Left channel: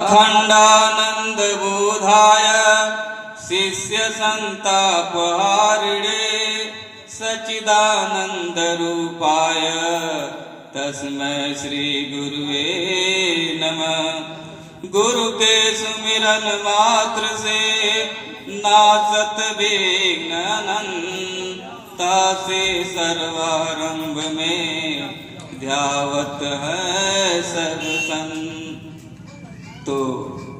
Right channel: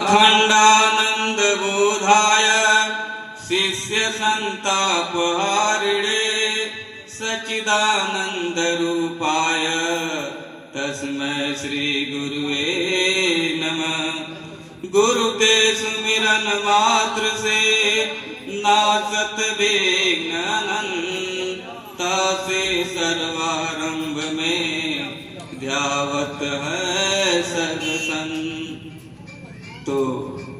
अखंडानंद बोधाय शिष्य संतापहारिणे सच्चिदानंद रूपाय तस्मै श्री गुरुवे नमः। गुरु के सुमिरन मात्र से नासत विघ्न तासे सर्वारंभ में ध्यावत है सर्वसंग। तो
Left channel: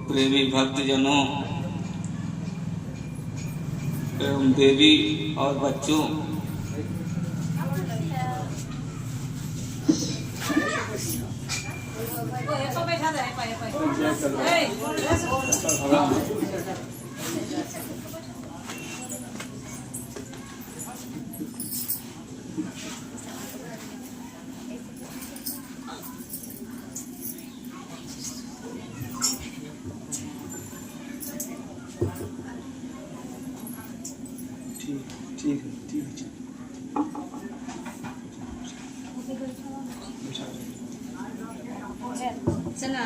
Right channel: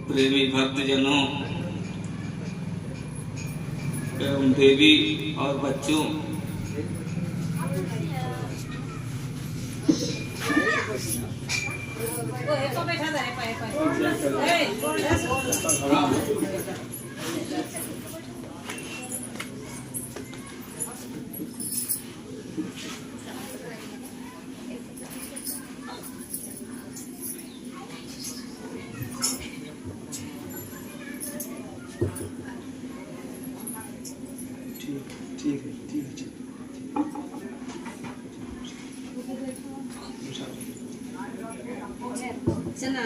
प्रेमी भक्तजनों एवं देवी और बच्चों, ठीक है चला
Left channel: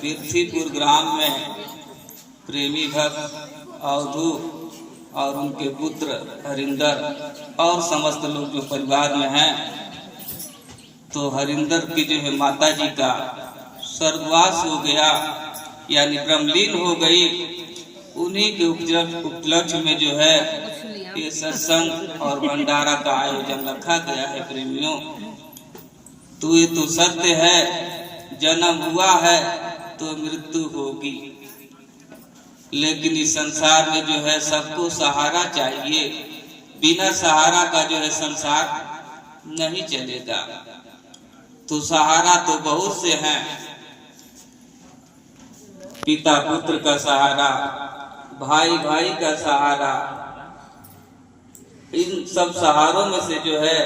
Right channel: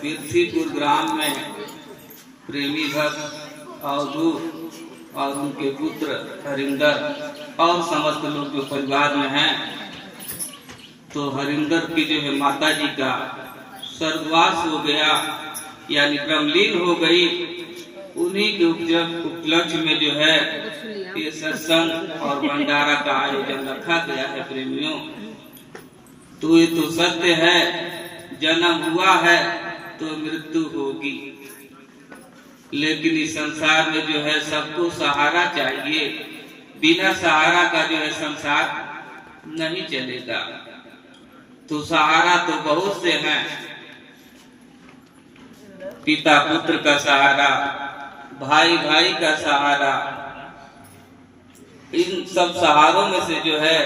तीर्थीपुर ग्राम में प्रेमी भक्त अवधूत और उनके पुत्र हरिंदर और समस्त लोग जो परिवार में हैं, तो हरिंदर की जो है माता जी का स्वर्गवास हो गया, यानी ब्रह्मलीन हो गई। उन्हीं के उपलक्ष्य में जो है ये सत्संग और भंडारा का आयोजन रखा गया है। प्रेमियों, तो ये तो सत्य है, जन्म हुआ है तो मृत्यु होगी, लेकिन इस संसार में जो है सबको सहारा चाहिए। बिना सहारा का जो है संसार नहीं चलेगा। तो सहारा तो बहुत से हैं, पिता पुत्र का सहारा, भाई भाई का सहारा। इन सब सहारों में से जो है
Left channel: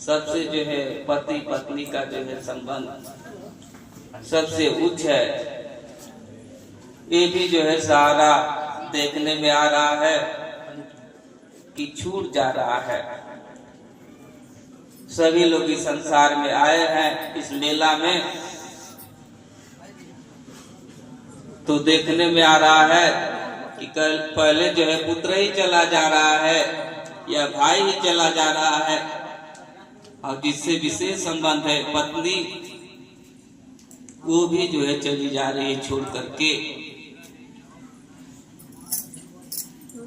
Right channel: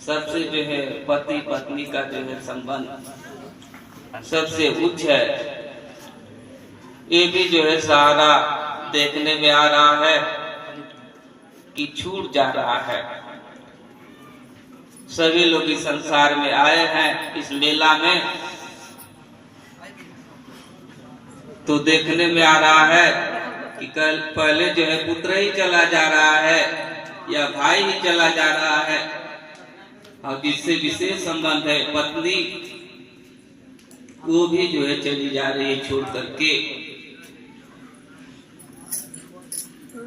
सबसे जो है पति पत्नी का जो है संबंध सबसे उच्च है। ये भी जो है सहारा देखने में आ रहा है कि छूट जा रहा है। सभी लोग इस संसार में आए हैं इस मेला में, तो देखने में आ रहा है कि कल पहले जो है पुत्र ही चला जा रहा है या भाई ही चला जा रहा है, और जिससे विशेष संबंध है पत्नी, वो भी जो है चली जा रही है छोड़ करके।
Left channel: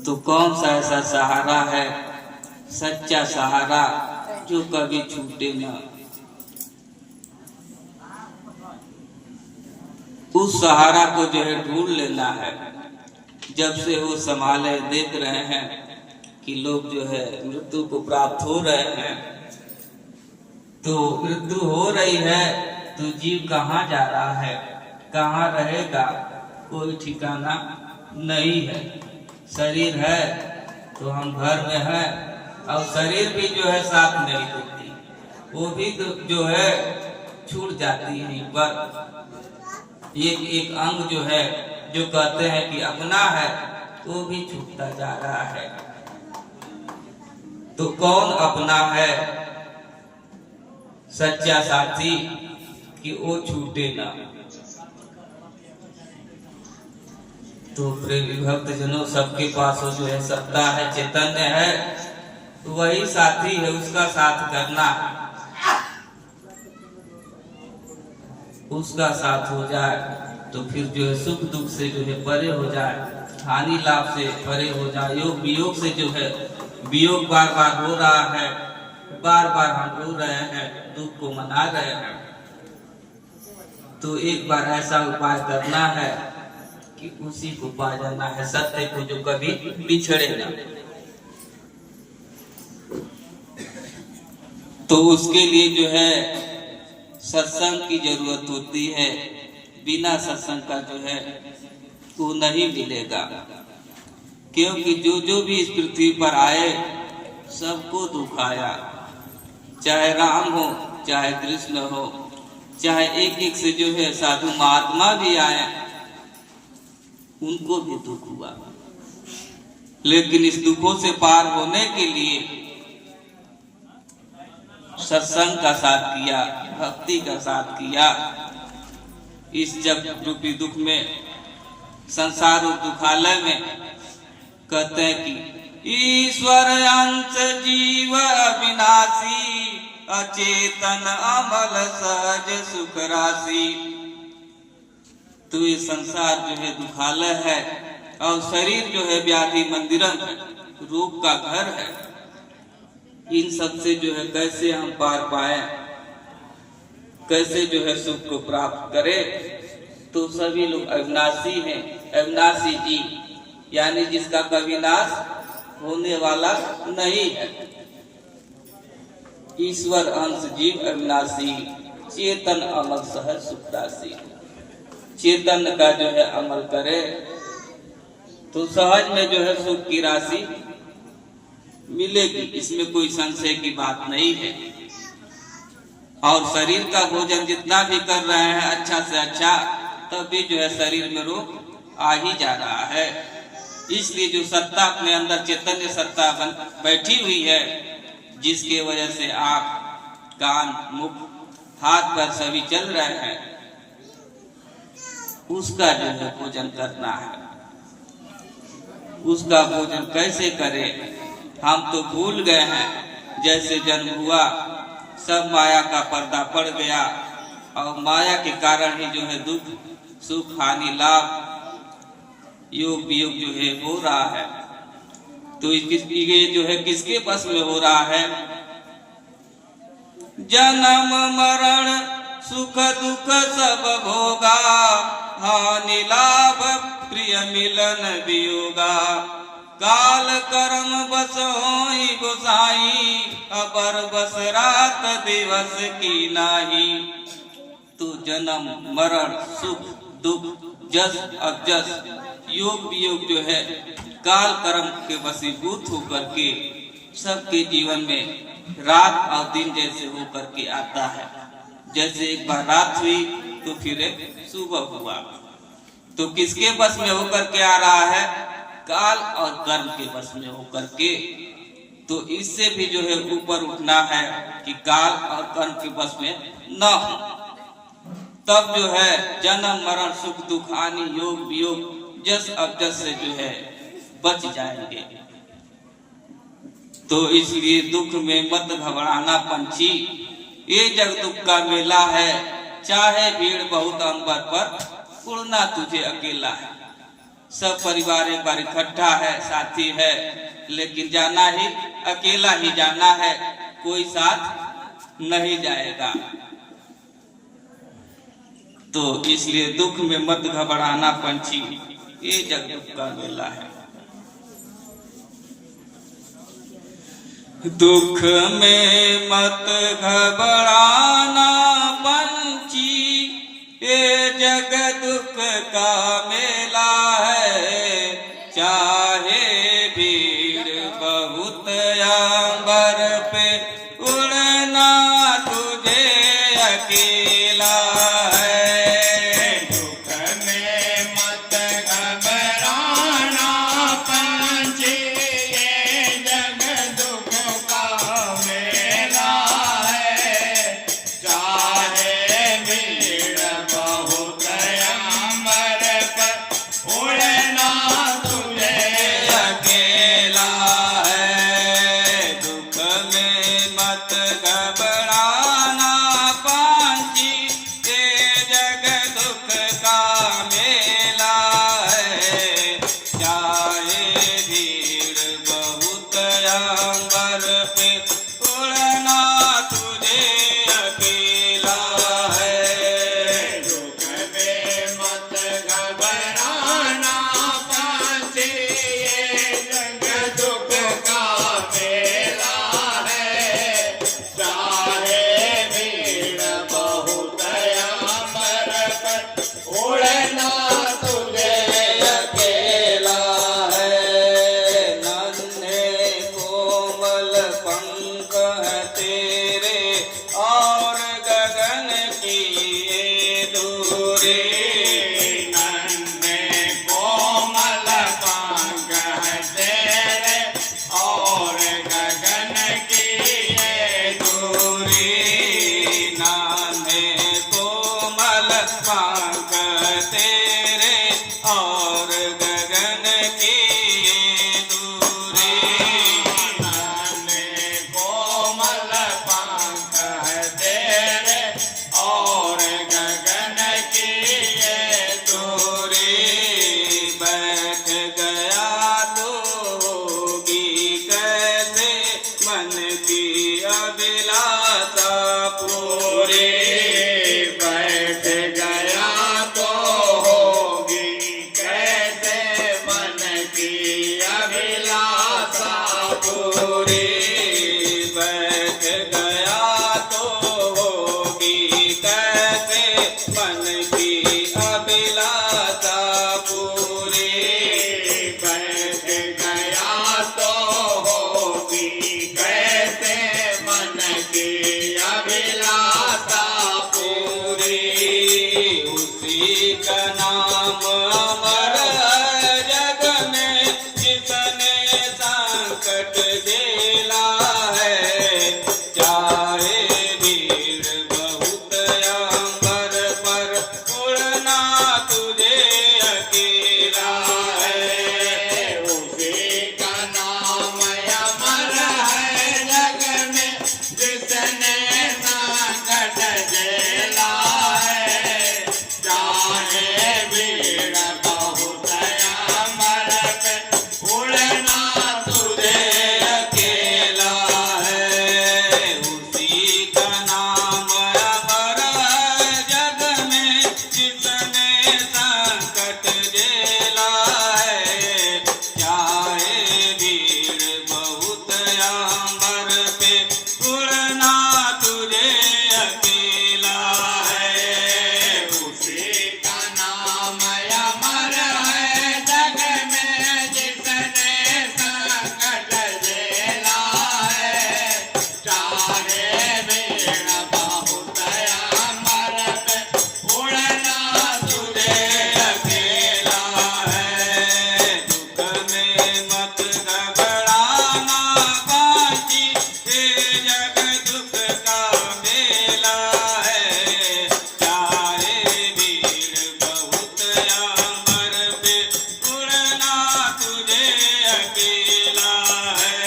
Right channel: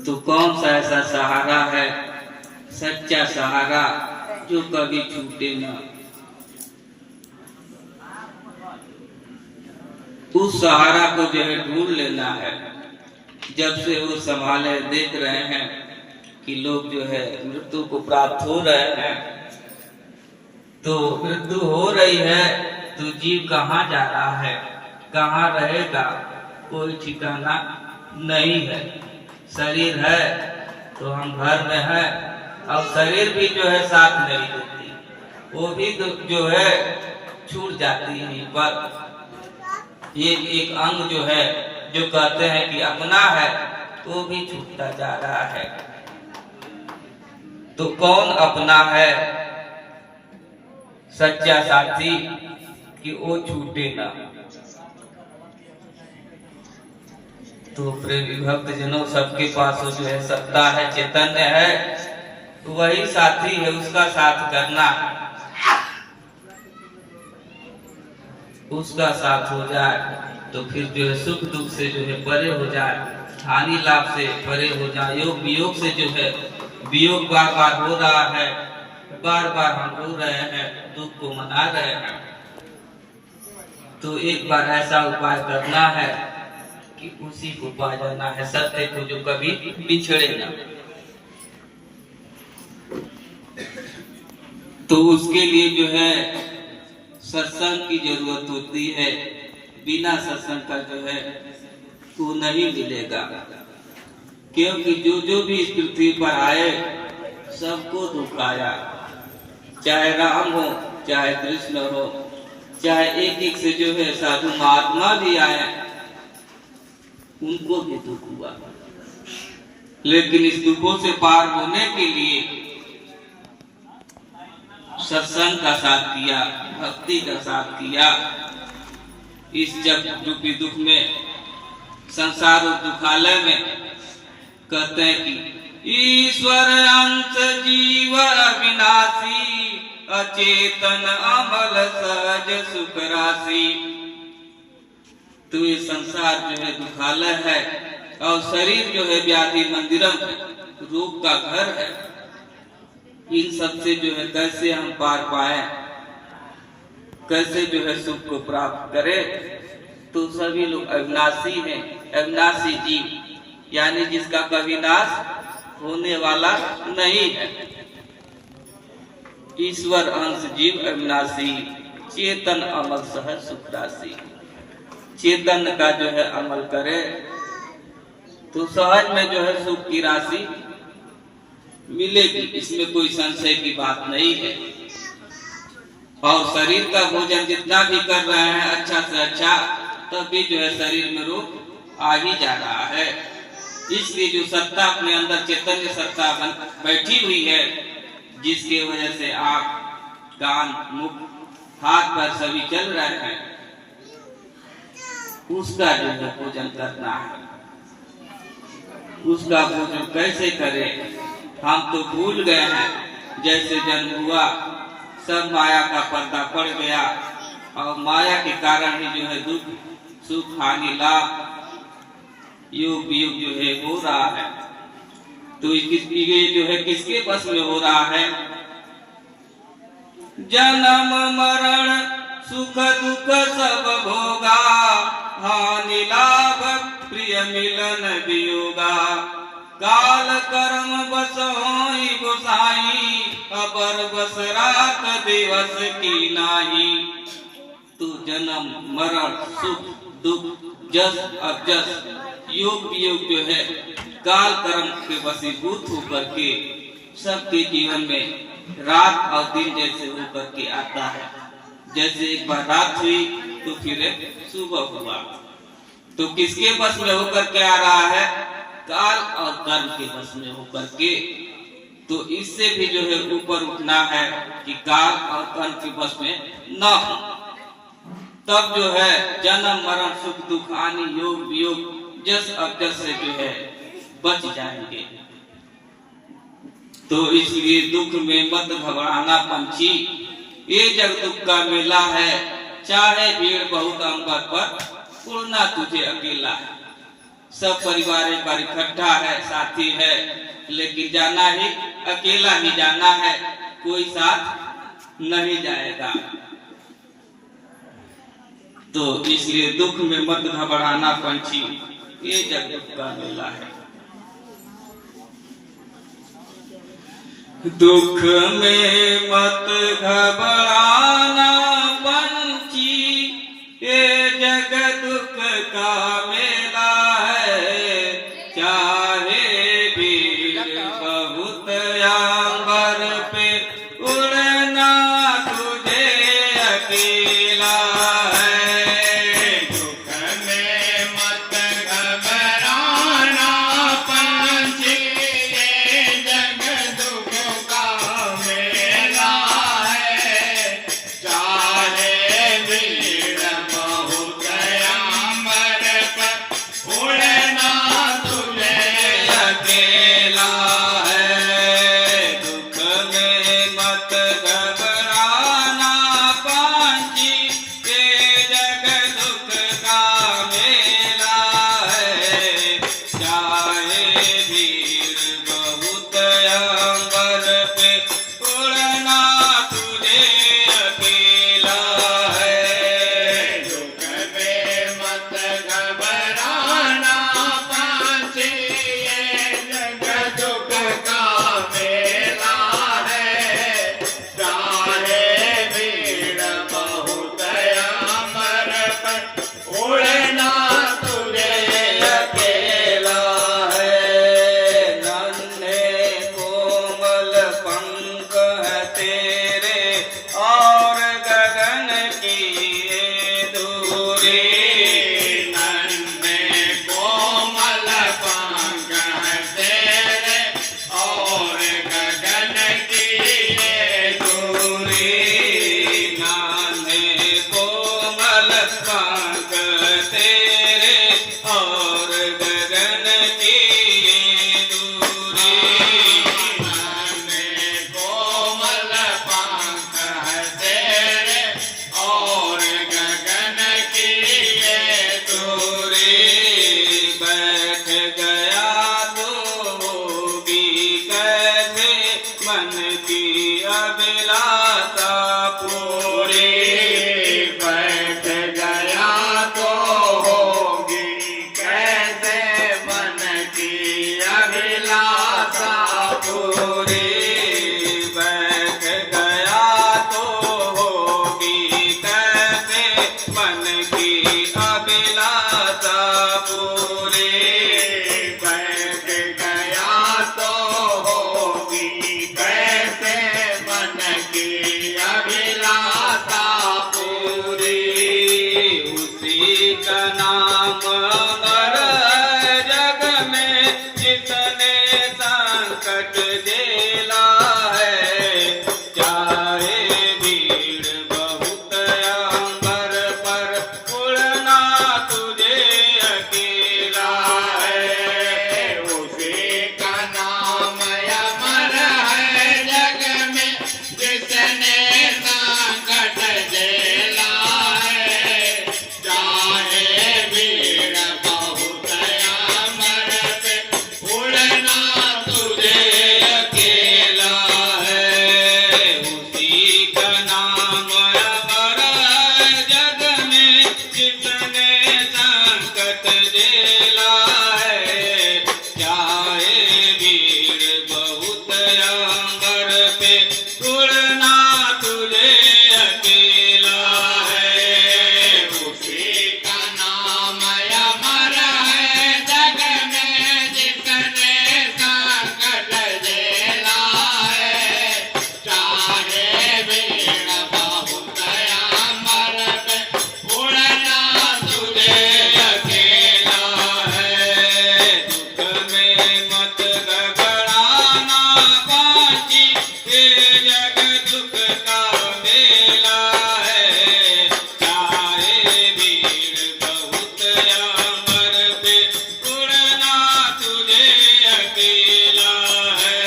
तो कौन सा ऐसा सहारा है, सच्चा सहारा, जो कभी छूटे ना? उस सहारा को जो है ढूंढ लेना है। जब से वो संभाले देख रहे हैं कि लोग जो है मृत्यु को प्राप्त हो रहे हैं, तो मृत्यु हो रही है तो जीव कहाँ जा रहा है, कहाँ रहेगा, कोई ठिकाना नहीं है। शरीर है तो हम घर में हैं, और शरीर भी जो है साथ नहीं देती, वो भी जो है छूट जाती है। पर ये एक अंग जो है जो कहते हैं कि अपना है, वो भी छूटता जा रहा है। तो कौन अपना है सच्चा साथी कि वो छूटे ना? तो प्रेमी भक्त जनों, सबके पास वो जो है सत्ता है, चैतन्य है, तो वही साथी है। उसका साथ करना, उसका साथ हो जाए तो फिर जो है सुख दुख से जो है परे हो जाए, हानि लाभ से परे हो जाए। योग वियोग से जो है वियोग बार बार हो रहा है, बार बार हम रो रहे हैं, दुख को मना रहे हैं। तो एक बार ऐसा उपाय करना है कि उसी को पा जाना है, सत्य को जो कभी बिछड़े ना। तो उसके लिए जो है सत्संग की जरूरत होती है। बिना सत्संग का जो है वो नहीं मिलेगा, क्योंकि जो जो भी इस पृथ्वी पर आए सबको दुख आया, चाहे राम हो चाहे कृष्ण हो, चाहे एक एक से जो है साधु महात्मा भी आए, उनको भी दुख हुआ। लेकिन इस दुखों से पार होने के लिए सत्संग का साथ किया, भक्ति का साथ किया। इस जग रूपी दुख में, संसार और दुखालय में कहते हैं कि ईश्वर अंश जीव विनाशी, अचेतन अमल सहज सुख राशि। तो ये संसार जो है दुखालय है और शरीर जो है व्याधि मंदिरम है, रोग का घर है। इन सब से जो है कैसे हम पार पाए, कैसे जो है सुख को प्राप्त करें। तो सभी लोग अविनाशी हैं, अविनाशी जीव, यानी जिसका कभी नाश होने वाला नहीं है। ईश्वर अंश जीव अविनाशी, चेतन अमल सहज सुख राशि। चेतन का जो है अमल करे तो सहज में जो है सुख की राशि मिलेगी, इसमें कोई संशय की बात नहीं है। और शरीर का भोजन जितना भी कर रहे हैं अच्छा से अच्छा, तब भी जो है शरीर में रोग आ ही जा रहा है। इसलिए जो सत्ता अपने अंदर चैतन्य सत्ता बैठी हुई है, जिसके वजह से आँख कान मुख हाथ पैर सभी चल रहे हैं, उसका जो है भोजन करना है। उसका भोजन कैसे करें, हम तो भूल गए हैं। जैसे जन्म हुआ सब माया का पर्दा पड़ गया और माया के कारण ही जो है दुख सुख हानि लाभ योग वियोग जो है हो रहा है। तो ये जो है किसके बस में हो रहा है? जन्म मरण सुख दुख सब भोगा, हानि लाभ प्रिय मिलन वियोगा। काल कर्म बस होई गोसाई, अबर बस रात दिवस की नाही। तो जन्म मरण सुख दुख जस अबजस योग वियोग जो है काल कर्म के वशीभूत होकर के सबके जीवन में रात और दिन जैसे होकर के आता है। जैसे एक बार रात हुई तो फिर सुबह हुआ। तो किसके बस में होकर के आ रहा है? काल और कर्म के बस में होकर के। तो इससे भी जो है ऊपर उठना है कि काल और कर्म के बस में न हो, तब जो है जन्म मरण सुख दुख हानि योग वियोग जस अबजस से जो है बच जाएंगे। तो इसलिए दुख में मत घबराना पंछी, ये जग दुख का मेला है। चाहे भीड़ बहुत अंबर पर, उड़ना तुझे अकेला है। सब परिवार एक बार इकट्ठा है, साथी है, लेकिन जाना ही अकेला ही जाना है, कोई साथ नहीं जाएगा। तो इसलिए दुख में मत घबराना पंछी, ये जग दुख का मेला है। दुख में मत घबराना पंछी, ये जग दुख का मेला है। चाहे भीड़ बहुत अंबर पे, उड़ना तुझे अकेला है। दुख में मत घबराना पंछी, ये जग दुख का मेला है। चाहे भीड़ बहुत अंबर उड़ना तुझे अकेला है। नन्हे कोमल पंख है तेरे और गगन की ये दूरी। नन्हे कोमल पंख है तेरे और गगन की ये दूरी। नन्हे कोमल पंख तेरे और गगन की ये दूरी। नन्हे कोमल पंख है तेरे और गगन की ये दूरी। बैठ गया तो होगी कैसे मन की अभिलाषा पूरी। बैठ गया तो होगी कैसे मन की अभिलाषा पूरी। बैठ गया तो होगी कैसे मन की अभिलाषा पूरी। बैठ गया तो होगी कैसे मन की अभिलाषा पूरी। उसी का नाम अमर है जग में जिसने संकट झेला है। चाहे भीड़ बहुत अंबर पर उड़ना तुझे अकेला है। उसी का नाम अमर है जग में जिसने संकट झेला है। चाहे भीड़ बहुत अमर पे उड़ना तुझे अकेला है। उसी का नाम अमर है जग में जिसने संकट झेला है। चाहे भीड़ बहुत अंबर पे उड़ना तुझे अकेला है। उसी का नाम अमर है जग में जिसने संकट झेला है। चाहे भीड़ बहुत अमर पे उड़ना तुझे अकेला है। दुख में मत घबराना बाकी ये जग दुख का मेला है। चाहे भीड़ बहुत अंबर पे उड़ना तुझे अकेला है।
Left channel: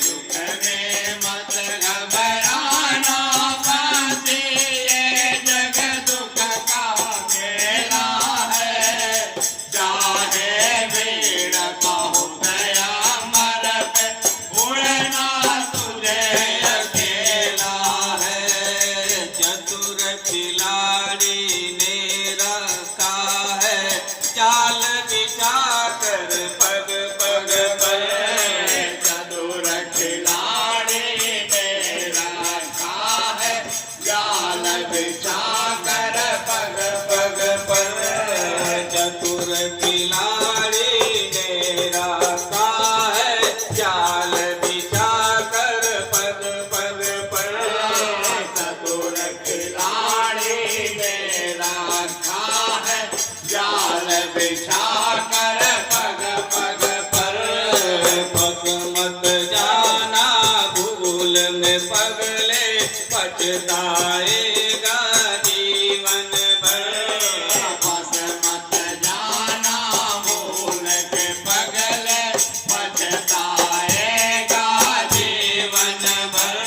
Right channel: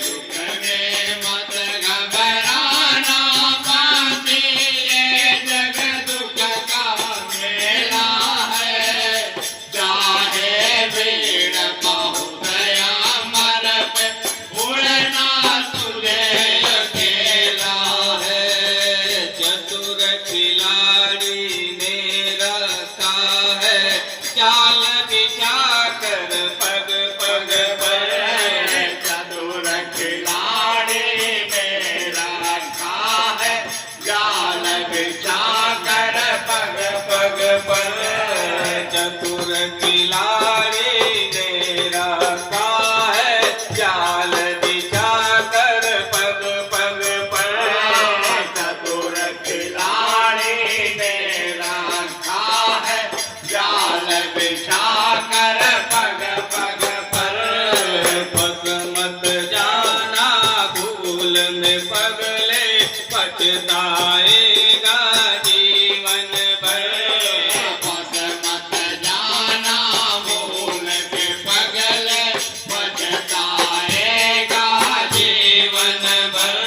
दुख में मत घबराना बाकी ये जग दुख का मेला है। चाहे भीड़ बहुत अमर पे उड़ना तुझे अकेला है। चतुर खिलाड़ी ने रखा है चाल बिछा कर पग पग पर। चतुर खिलाड़ी मेरा रखा है जाल बिछा कर पग पग पर। चतुर खिलाड़ी ने रखा है जाल बिछा कर पग पग पर। चतुर खिलाड़ी ने रखा है जाल बिछा कर पग पग पर। बस मत जाना भूल में पगले पछताएगा जीवन भर। बस मत जाना भूल के पगले पछताएगा जीवन भर।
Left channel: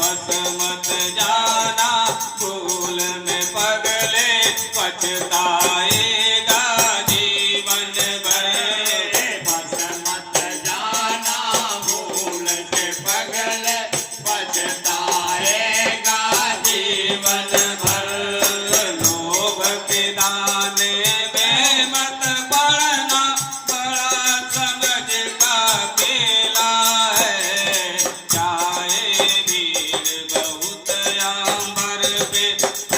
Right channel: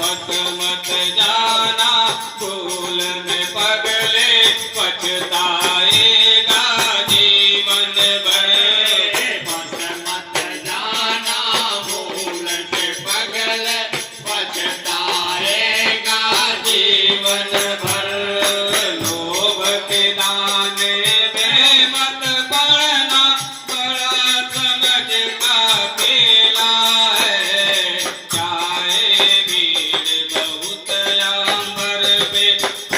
बस मत जाना भूल में पगले पछताएगा जीवन भर। बस मत जाना भूल के पगले पछताएगा जीवन भर। लोभ के दाने में मत पड़ना बड़ा समझ का खेला है। चाहे भीड़ बहुत अंबर पे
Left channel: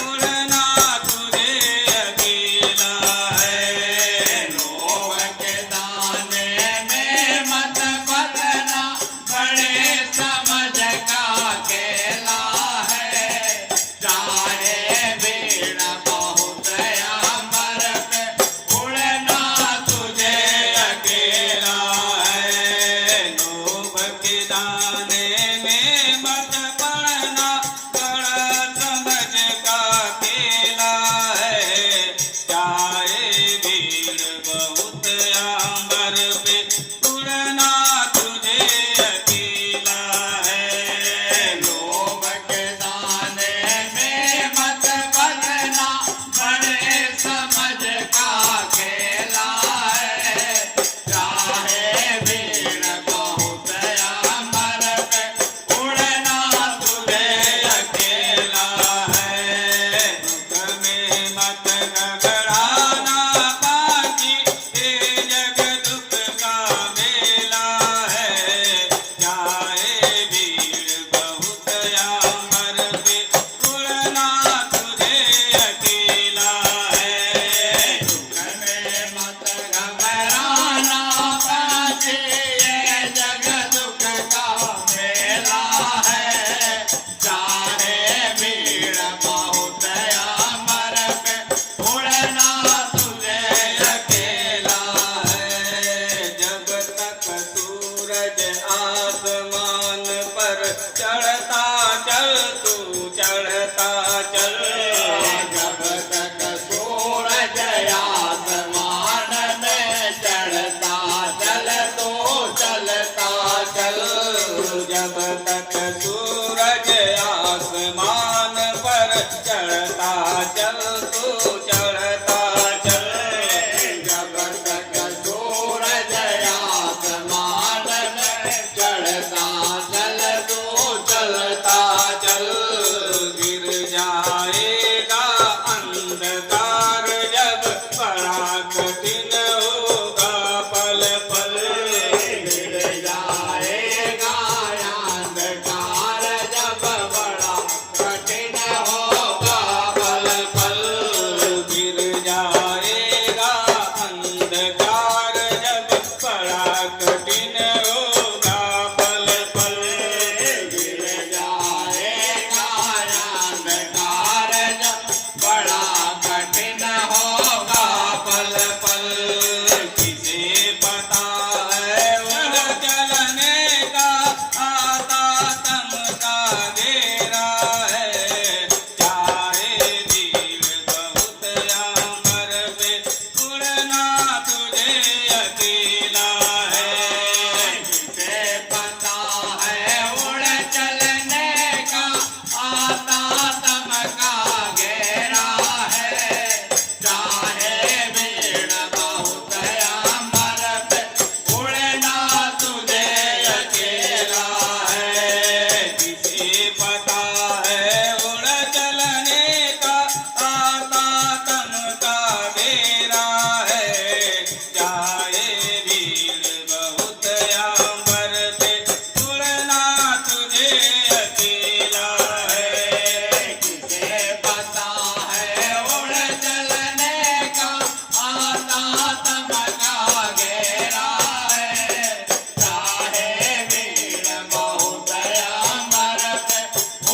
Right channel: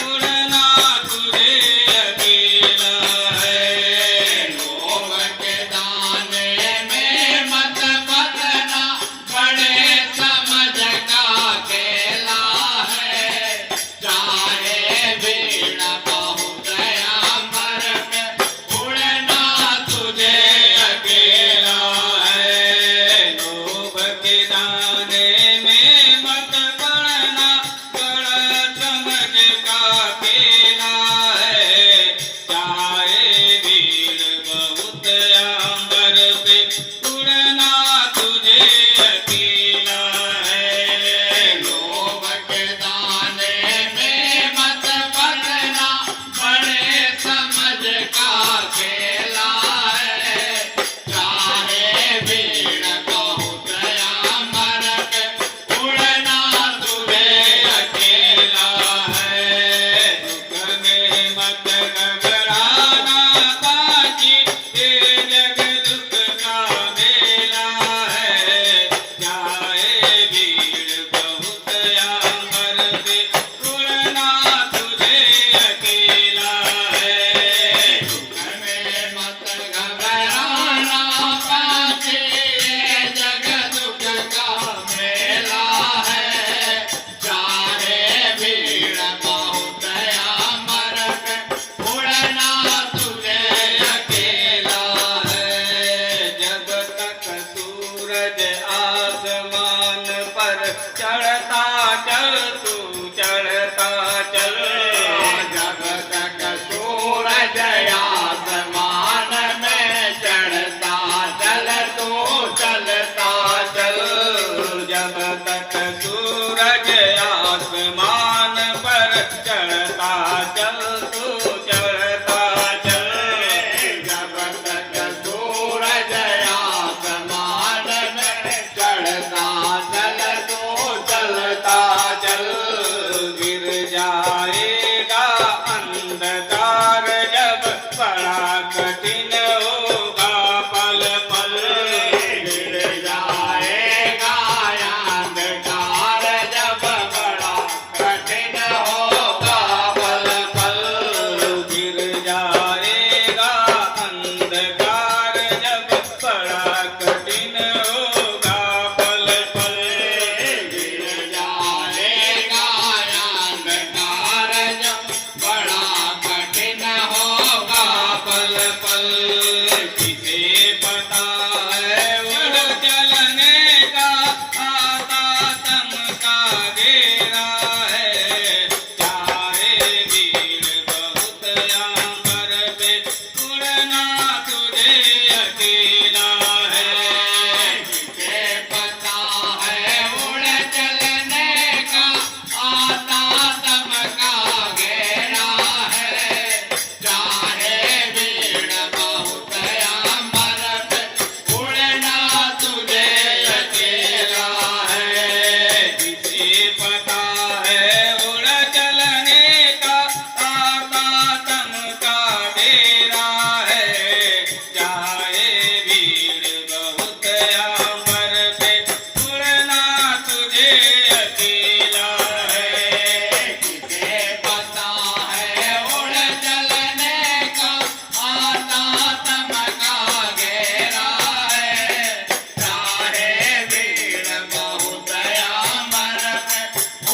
उड़ना तुझे चल तू चढ़ता चल। जब तक सूरज आसमान में चढ़ता चल तू चलता चल। गिर जाएगा अंधकार जब बड़ा कठिन होगा पल पल। गिर जाएगा अंधकार जब बड़ा कठिन होगा पल पल गिर जाएगा अंधकार जब बड़ा कठिन होगा पल पल। गिर जाएगा अंधकार जब बड़ा कठिन होगा पल पल किसे पता है उड़ चलने का आता तम का घेरा है। चाहे वीर बहुत अंबर पे उड़ना तुझे अकेला है। जिसे पता है उड़ चलने का आता तम का घेरा है। चाहे भीड़ बहुत अंबर पे उड़ना तुझे अकेला है। किसे पता है उड़ चलने का आता तम का डेरा है। चाहे भीड़ बहुत अंबर पे उड़ना तुझे अकेला है। किसे पता है उड़ चलने का आता तम का घेरा है। चाहे भीड़ बहुत अंबर पे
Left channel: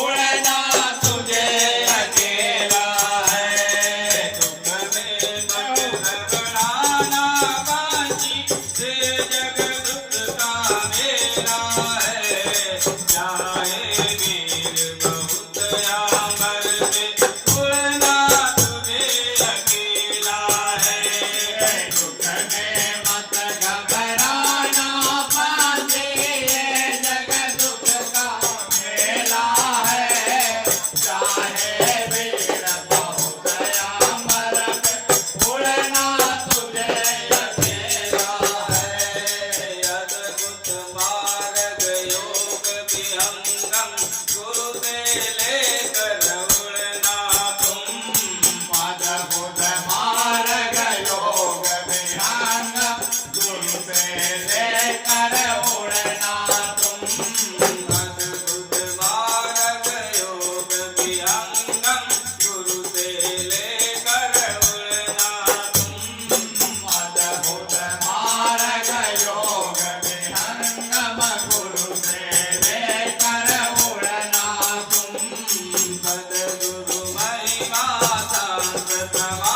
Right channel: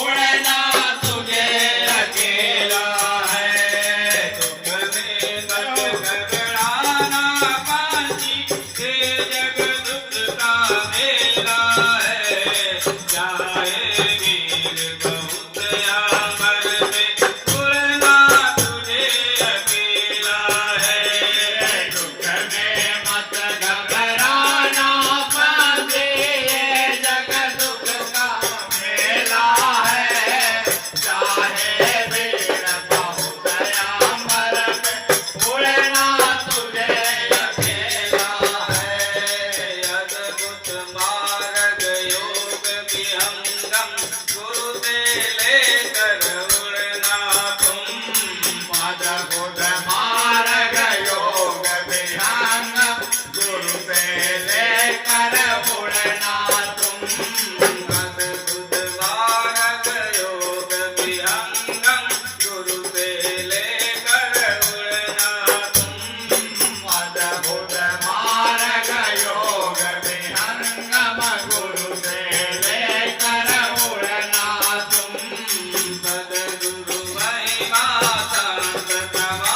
उड़ना तुझे अकेला है। दुख में मत घबराना बाजी ये जग दुख का मेला है। चाहे वीर बहुत अंबर पे उड़ना तुझे अकेला है। दुख में मत घबराना बाजी ये जग दुख का मेला है। चाहे भीड़ बहुत अंबर पे उड़ना तुझे अकेला है। अद्भुत मार्ग योग विहंगम गुरु से लेकर उड़ना तुम। अद्भुत मार्ग योग विहंग गुरु से लेकर उड़ना तुम। अद्भुत मार्ग योग विहंगम गुरु से लेकर उड़ना तुम। अद्भुत मार्ग योग विहंगम गुरु से लेकर उड़ना तुम। सद्गुरु महिमा संत समा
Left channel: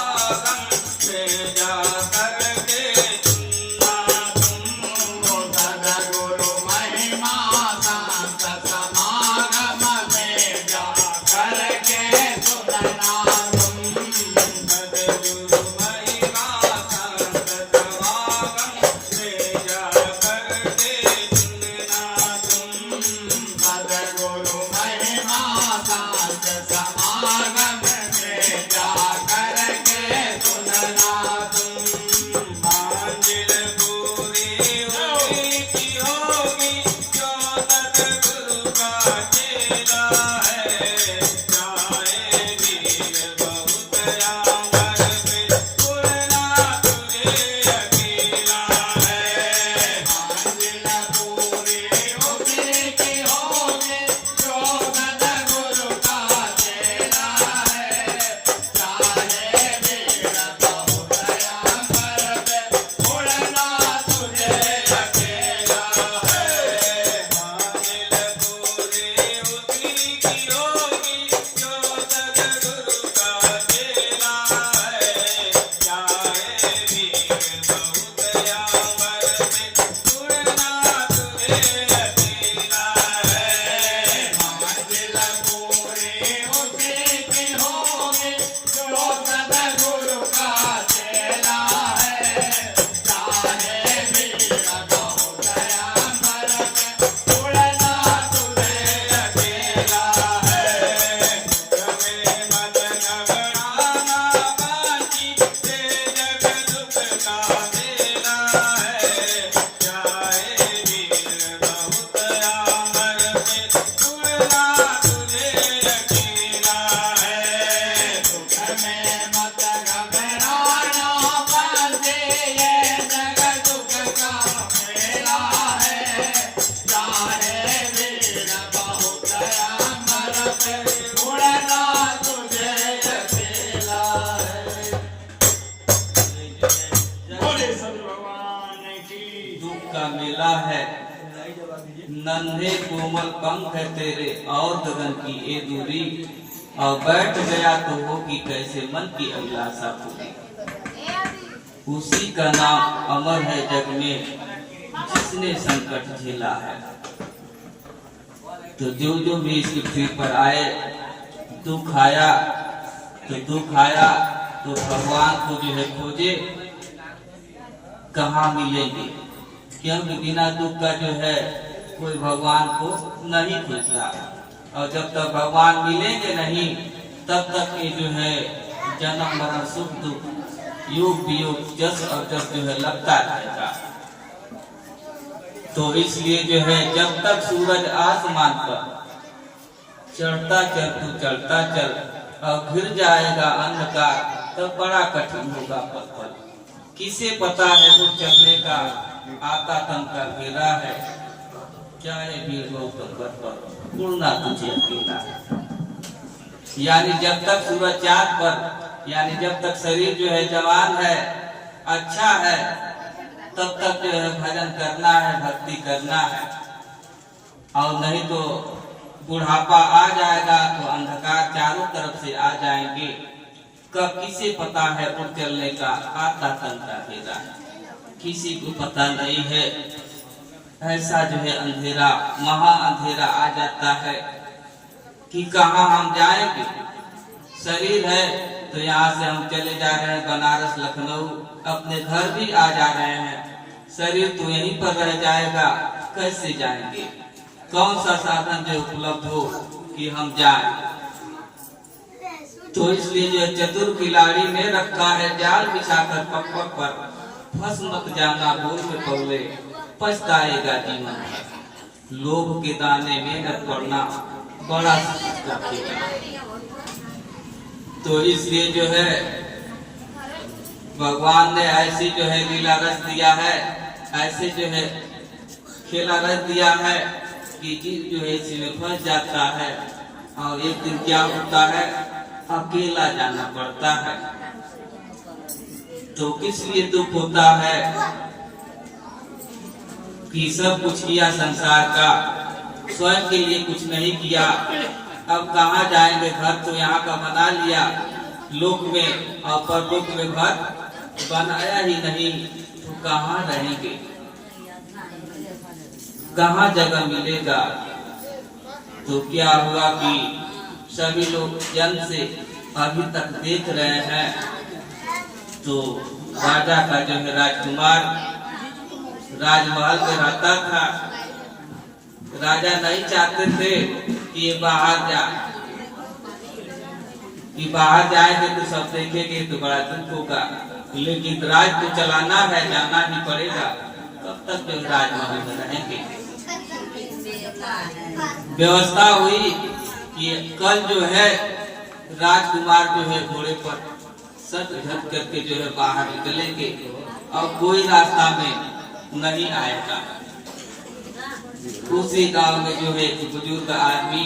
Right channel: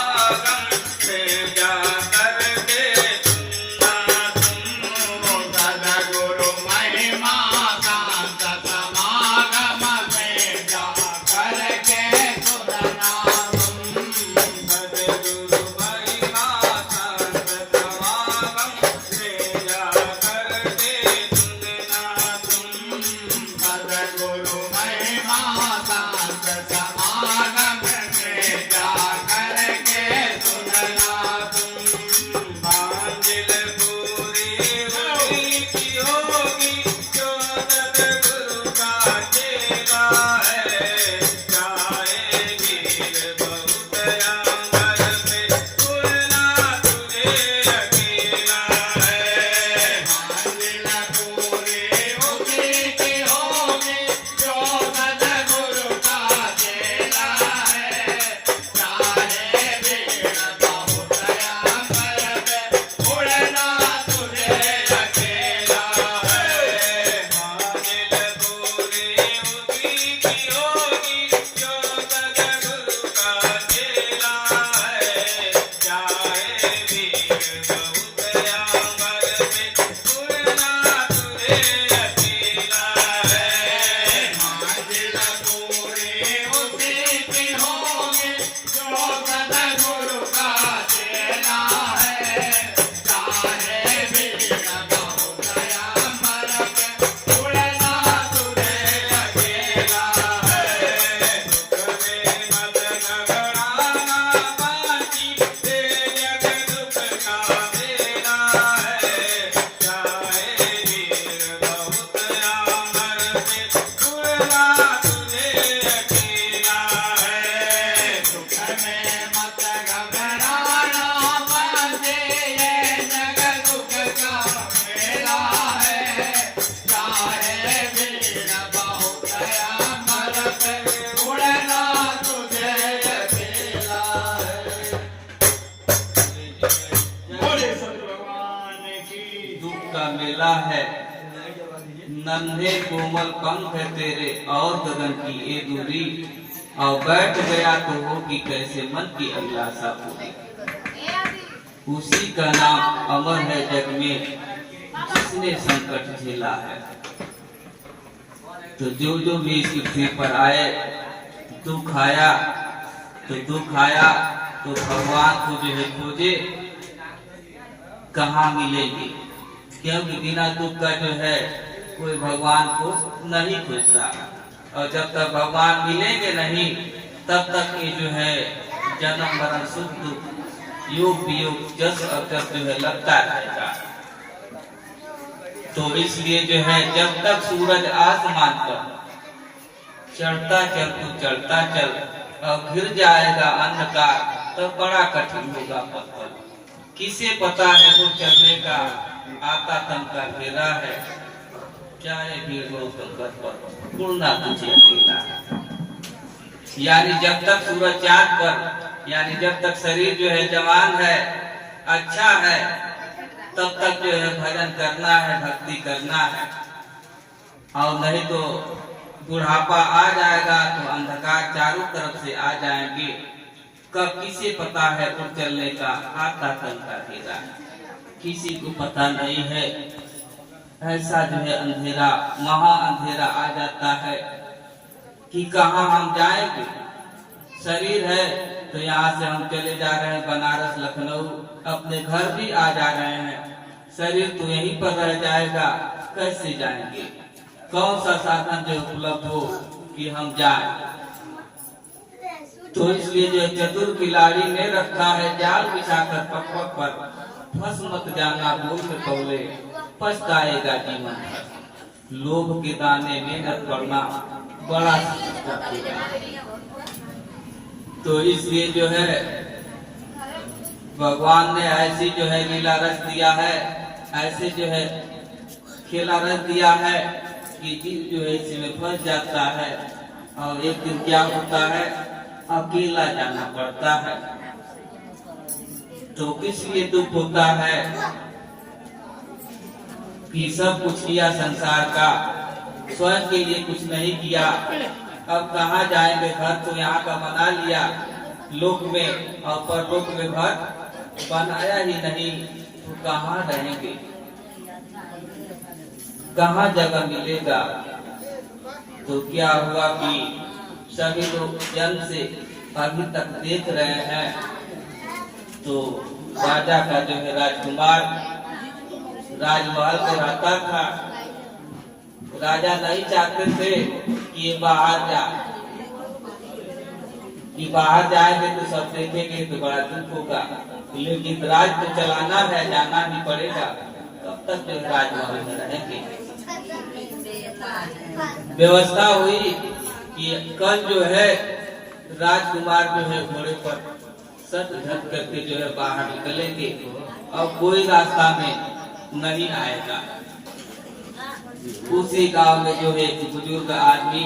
नन्हे कोमल पंख है तेरे और गगन की ये दूरी, और बैठ गया तो होगी कैसे मन की अभिलाषा पूरी। उसी का नाम अमर है जग में जिसने संकट झेला है। तो जो जो भी इस पृथ्वी पर आए दुख आया तो भगवान को जो है खोजे, कहाँ मिलेंगे, क्योंकि बिना दुख का जो है कोई भगवान को नहीं खोजता। और जब तक भगवान मिलेंगे नहीं तब तक ये जो है जन्म मरण सुख दुख योग वियोग जस और जस जो है लगता रहेगा। तो इसलिए जो है जब तक सूरज आसमान पर चढ़ता चल तू चढ़ता चल और घिर जाएगा अंधकार, तब बड़ा कठिन होगा पल पल। किसे पता है वो चलने का आता तन का घेरा है, चाहे भीड़ हो संकट पर उड़ना तुझे अकेला। यानी जब तक सूरज चांद पर, यानी जब तक शरीर जो है जवान है अच्छा है, तब तक जो है भजन करना है, भक्ति करना है। और नहीं तो बुढ़ापा आ जाएगा तो अंधकार चारों तरफ से आ जाएंगे। कब किसे पता है उड़ चलने का आता तन का घेरा, किसी को पता नहीं है। ऐसा जो है अंधेरा, महा अंधेरा आ जाता है कि कहाँ हम जाएंगे। शरीर है तो यहाँ से हम चले जा रहे हैं बनारस लखनऊ, अपने घर भी आ जा रहे हैं, शरीर तो यहीं पर रह जाएगा, कैसे जाएंगे। कौन सा साधन जो उपलब्ध हो कि हम जाएं। तो इसलिए जो चतुर खिलाड़ी ने रखा है जाल बिछाकर पग पग पर, फंस मत जाना भूल में पगले, पछताएगा जीवन भर। लोभ के दाने में न पड़ना बड़ा तो इसलिए जो है भगवान ने ऐसी जो है लीला रच दिया है, ऐसे जो है खेला रच दिया है कि जीव जो है इसमें फंस जाता है। और एक दिन क्या होता है, अकेला जाना पड़ता है। तो किस लिए दुख होता है कि सब कुछ किया संसार का, स्वयं के लिए कुछ नहीं किया। अब कहाँ जाएंगे, घर तो यहाँ का बना लिया लोक में, और परलोक में घर बनाया ही नहीं, तो कहाँ रहेंगे, कहाँ जगह मिलेगा। तो क्या हुआ कि सभी लोग जन्म से अभी तक देख रहे हैं। तो राजा का जो है राजकुमार राजमहल में रहता था। राजा नहीं चाहते थे कि ये बाहर जा, कि बाहर जाएंगे तो सब देखेंगे तो बड़ा दुख होगा, लेकिन राज तो चलाना है, जाना ही पड़ेगा। तब तक वे राजमहल में रहेंगे। व्यवस्था हुई कि कल जो है राजकुमार जो है घोड़े पर सब झट करके जो है बाहर निकलेंगे और कोई रास्ता में नहीं आएगा। उसी गांव में जो है बुजुर्ग आदमी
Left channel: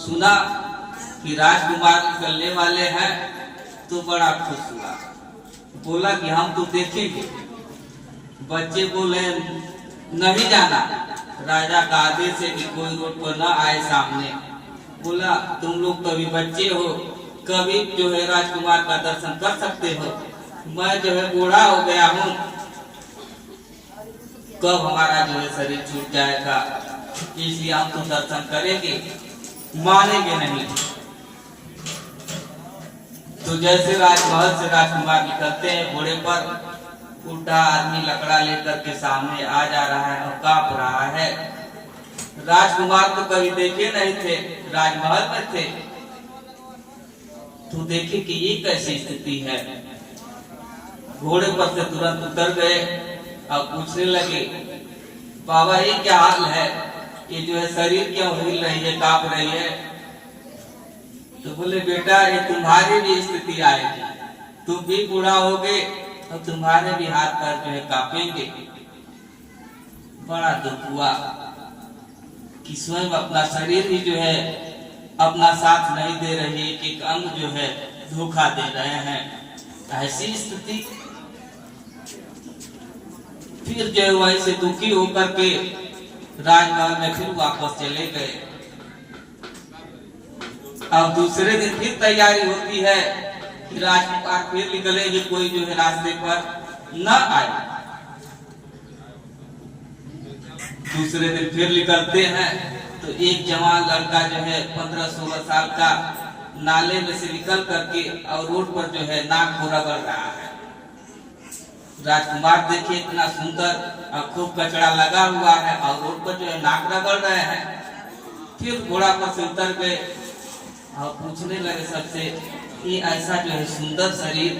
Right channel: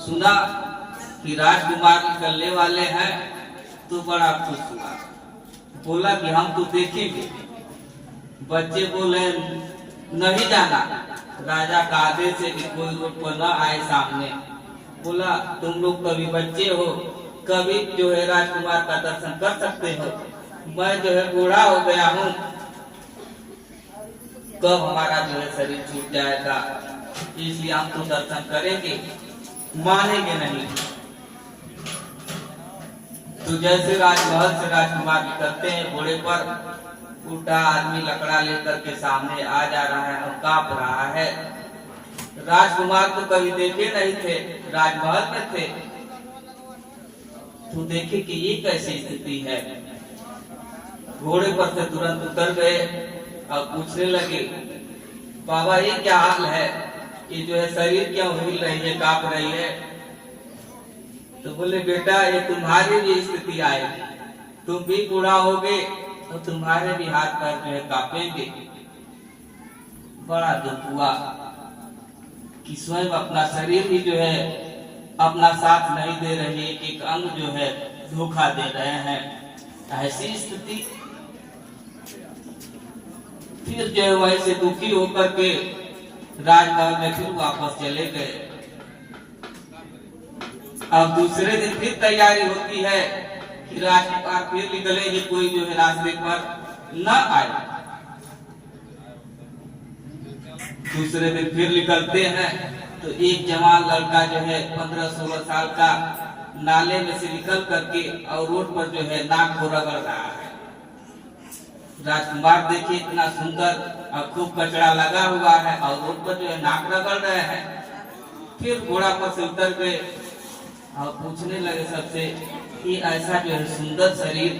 सुना कि राजकुमार निकलने वाले हैं, तो बड़ा खुश हुआ। बोला कि हम तो देखेंगे। बच्चे बोले नहीं जाना, राजा का आदेश है कि कोई रोड पर न आए सामने। बोला तुम लोग कभी बच्चे हो, कभी जो है राजकुमार का दर्शन कर सकते हो, मैं जो है बूढ़ा हो गया हूँ, कब हमारा जो है शरीर छूट जाएगा, इसलिए हम तो दर्शन करेंगे, मानेंगे नहीं। तो जैसे राजमहल से राजकुमार निकलते हैं घोड़े पर, उल्टा आदमी लकड़ा लेकर के सामने आ जा रहा है और कांप रहा है। राजकुमार तो कभी देखे नहीं थे, राजमहल में थे, तो देखे कि ये कैसी स्थिति है। घोड़े पर से तुरंत उतर गए और पूछने लगे, बाबा ये क्या हाल है, ये जो है शरीर क्यों हिल रही है, कांप रही है। तो बोले बेटा ये तुम्हारी भी स्थिति आएगी, तुम भी बूढ़ा होगे तो तुम्हारे भी हाथ पैर जो है कांपेंगे। बड़ा दुख हुआ कि स्वयं अपना शरीर ही जो है अपना साथ नहीं दे रही है, कि अंग जो है धोखा दे रहे हैं। ऐसी स्थिति फिर जो है वैसे दुखी होकर के राजमहल में फिर वापस चले गए। अब दूसरे दिन फिर तैयारी होती है कि राजकुमार फिर निकलेंगे, कोई जो है रास्ते पर न आए। दूसरे दिन फिर निकलते हैं तो एक जवान लड़का जो है 15-16 साल का नाले में से निकल करके और रोड पर जो है नाक को रगड़ रहा है। राजकुमार देखिए इतना सुंदर और खूब कचरा लगा हुआ है और रोड पर जो है नाक रगड़ रहे हैं। फिर घोड़ा पर से उतर गए और पूछने लगे सबसे कि ऐसा जो है सुंदर शरीर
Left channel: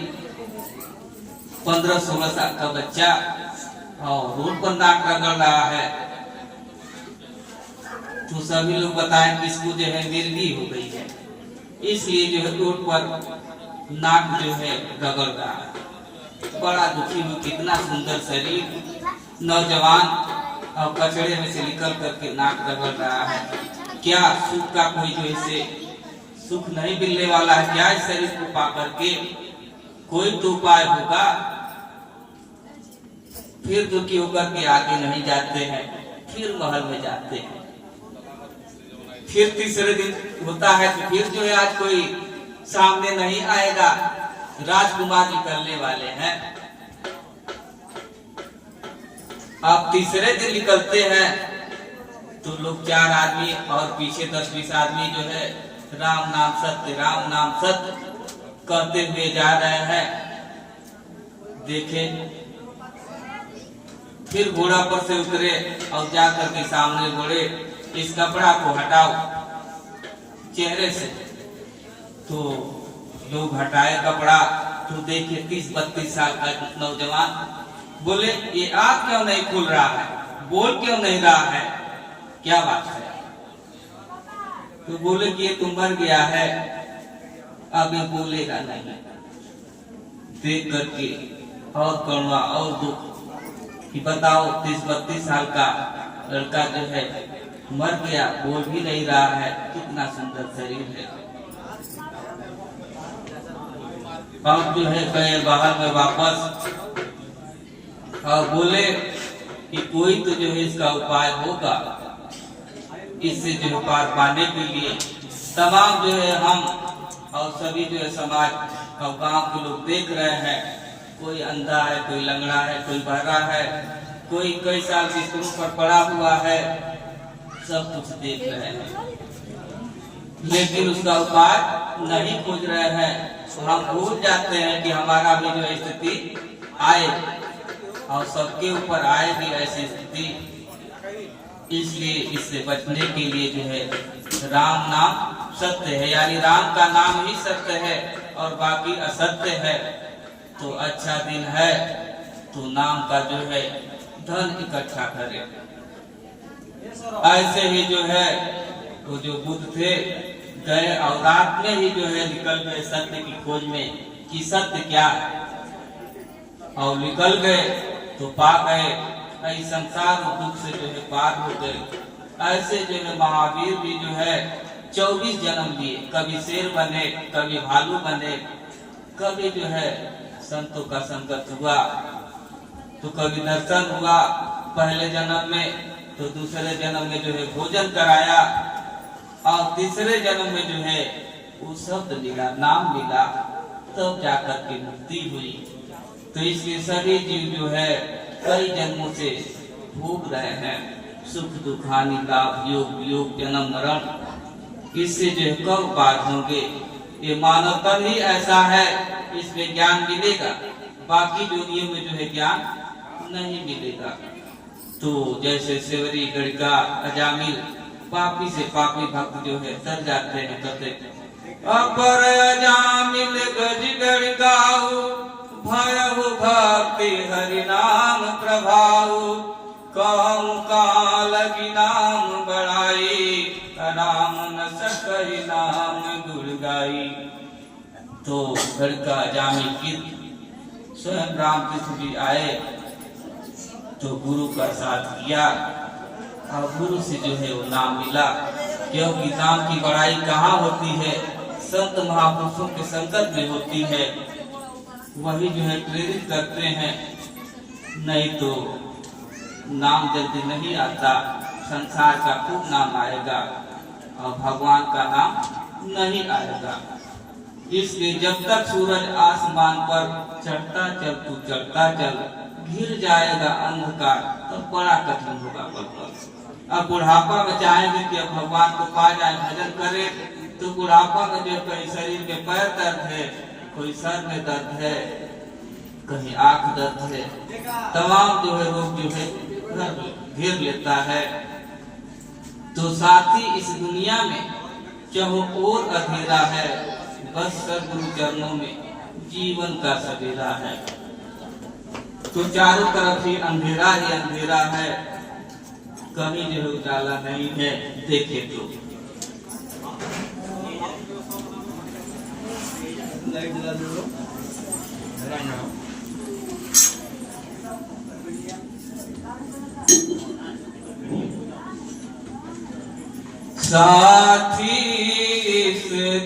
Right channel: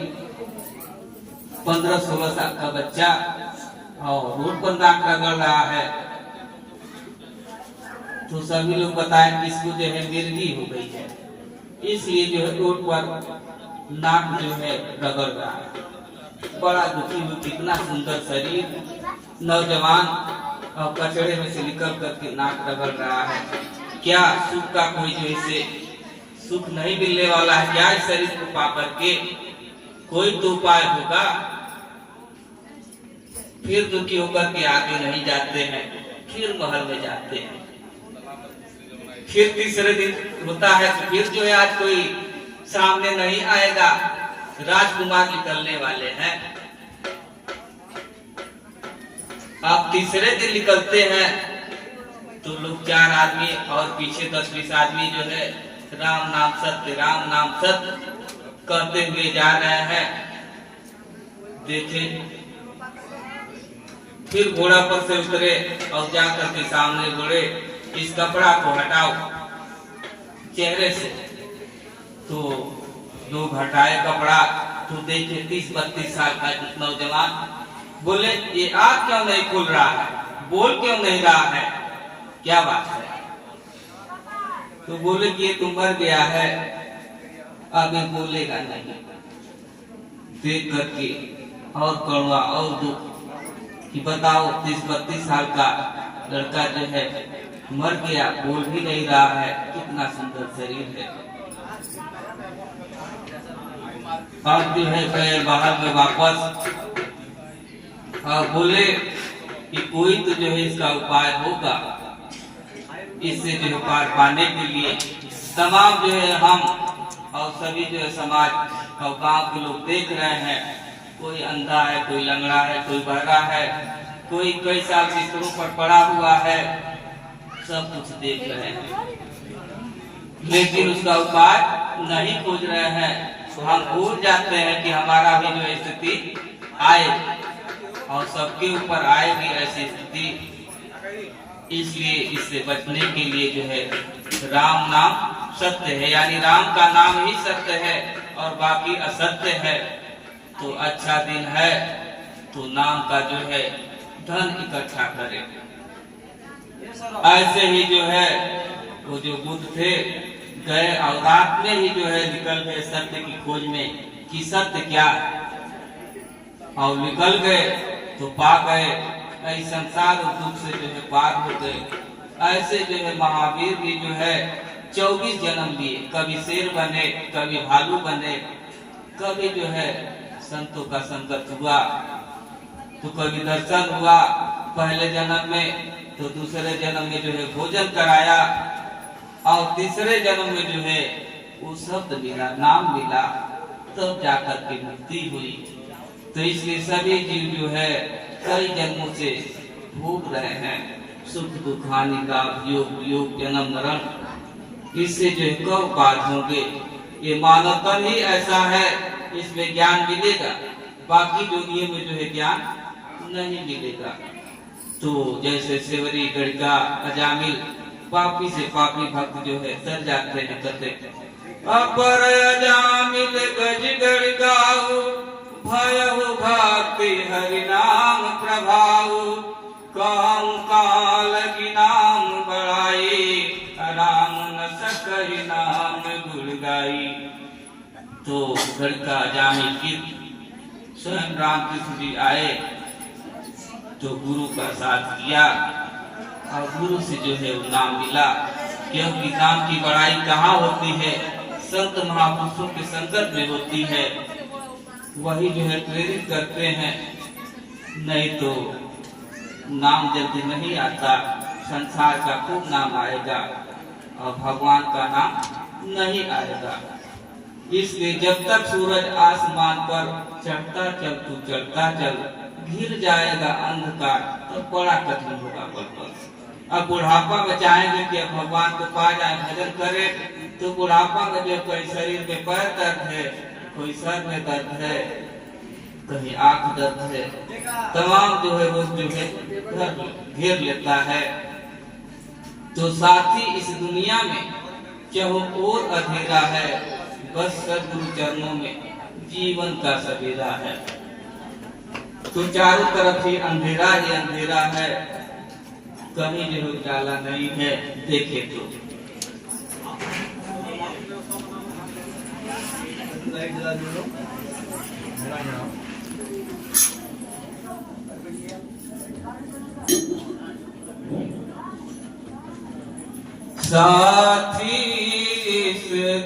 15-16 साल का बच्चा और रोड पर नाक रगड़ रहा है। तो सभी लोग बताएं कि इसको जो है मिर्गी हो गई है, इसलिए जो है रोड पर नाक जो है रगड़ रहा है। बड़ा दुखी हुई, कितना सुंदर शरीर नौजवान और कचड़े में से निकल करके नाक रगड़ रहा है। क्या सुख का कोई जो इसे सुख नहीं मिलने वाला है क्या? इस शरीर को पा करके कोई तो उपाय होगा। फिर दुखी होकर के आगे नहीं जाते हैं, फिर महल में जाते हैं। फिर तीसरे दिन होता है तो फिर जो है आज कोई सामने नहीं आएगा, राजकुमार निकलने वाले हैं। अब तीसरे दिन निकलते हैं तो लोग 4 आदमी और पीछे 10-20 आदमी जो है राम नाम सत्य कहते हुए जा रहे हैं। देखें फिर घोड़ा पर से उतरे और जाकर के सामने बोले इस कपड़ा को हटाओ चेहरे से। तो लोग हटाए कपड़ा तो देखे 30-32 साल का नौजवान। बोले ये आँख क्यों नहीं खुल रहा है, बोल क्यों नहीं रहा है, क्या बात है? तो बोले कि ये तो मर गया है, अब ये बोलेगा नहीं। देख करके और कड़वा और दुख कि बताओ 30-32 साल का लड़का जो है मर गया, बोल भी नहीं रहा है, कितना सुंदर शरीर है। अब जो है गए बाहर में वापस और बोले कि कोई तो जो है इसका उपाय होगा, इससे जो है पार पाने के लिए तमाम जो है हम और सभी जो है समाज और गांव के लोग देख रहे हैं। कोई अंधा है, कोई लंगड़ा है, कोई बहरा है, कोई कई साल बिस्तरों पर पड़ा हुआ है, सब कुछ देख रहे हैं लेकिन उसका उपाय नहीं खोज रहे हैं। हम भूल जाते हैं कि हमारा भी जो स्थिति आए और सबके ऊपर आएगी ऐसी स्थिति। इसलिए इससे बचने के लिए जो है राम नाम सत्य है, यानी राम का नाम ही सत्य है और बाकी असत्य है। तो अच्छा दिन है तो नाम का जो है धन इकट्ठा करें। ऐसे ही जो है वो जो बुद्ध थे गए और रात में ही जो है निकल गए सत्य की खोज में कि सत्य क्या है, और निकल गए तो पा गए। कई संसार और दुख से जो है पार हो गए। ऐसे जो है महावीर भी जो है 24 जन्म लिए, कभी शेर बने, कभी भालू बने, कभी जो है संतों का संगत हुआ, तो कभी दर्शन हुआ पहले जन्म में, तो दूसरे जन्म में जो है भोजन कराया, और तीसरे जन्म में जो है वो शब्द मिला, नाम मिला, तब जाकर के मुक्ति हुई। तो इसलिए सभी जीव जो है कई जन्मों से भोग रहे हैं सुख दुख हानि का योग वियोग जन्म मरण। इससे जो है कब बात होंगे, ये मानव तन ही ऐसा है, इसमें ज्ञान मिलेगा, बाकी दुनिया में जो है ज्ञान नहीं मिलेगा। तो जैसे सेवरी गढ़िका अजामिल पापी से पापी भक्त जो है सर जाते हैं, कहते अपर अजामिल गज गढ़िकाऊ भयहु भक्ति हरि नाम प्रभाव, कहूँ काल की नाम बढ़ाई, राम न सकहि नाम गुण गाई। तो गढ़िका अजामिल की स्वयं रामकृष्ण जी आए तो गुरु का साथ किया और गुरु से जो है वो नाम मिला। क्योंकि नाम की बड़ाई कहाँ होती है, संत महापुरुषों के संगत में होती है, वही जो है प्रेरित करते हैं, नहीं तो नाम जल्दी नहीं आता। संसार का खूब नाम आएगा और भगवान का नाम नहीं आएगा। इसलिए जब तक सूरज आसमान पर चढ़ता चल, तू चढ़ता चल, घिर जाएगा अंधकार तो बड़ा कठिन होगा पल पल। अब बुढ़ापा में चाहेंगे कि अब भगवान को पा जाए, भजन करें, तो बुढ़ापा में जो कहीं शरीर में पैर दर्द है, कोई सर में दर्द है, कहीं आंख दर्द है, तमाम जो है रोग जो है घेर लेता है। तो साथी इस दुनिया में चाहो और अंधेरा है, बस सद्गुरु चरणों में जीवन का सवेरा है। तो चारों तरफ ही अंधेरा है, कहीं जो उजाला नहीं है, देखे तो। साथी इस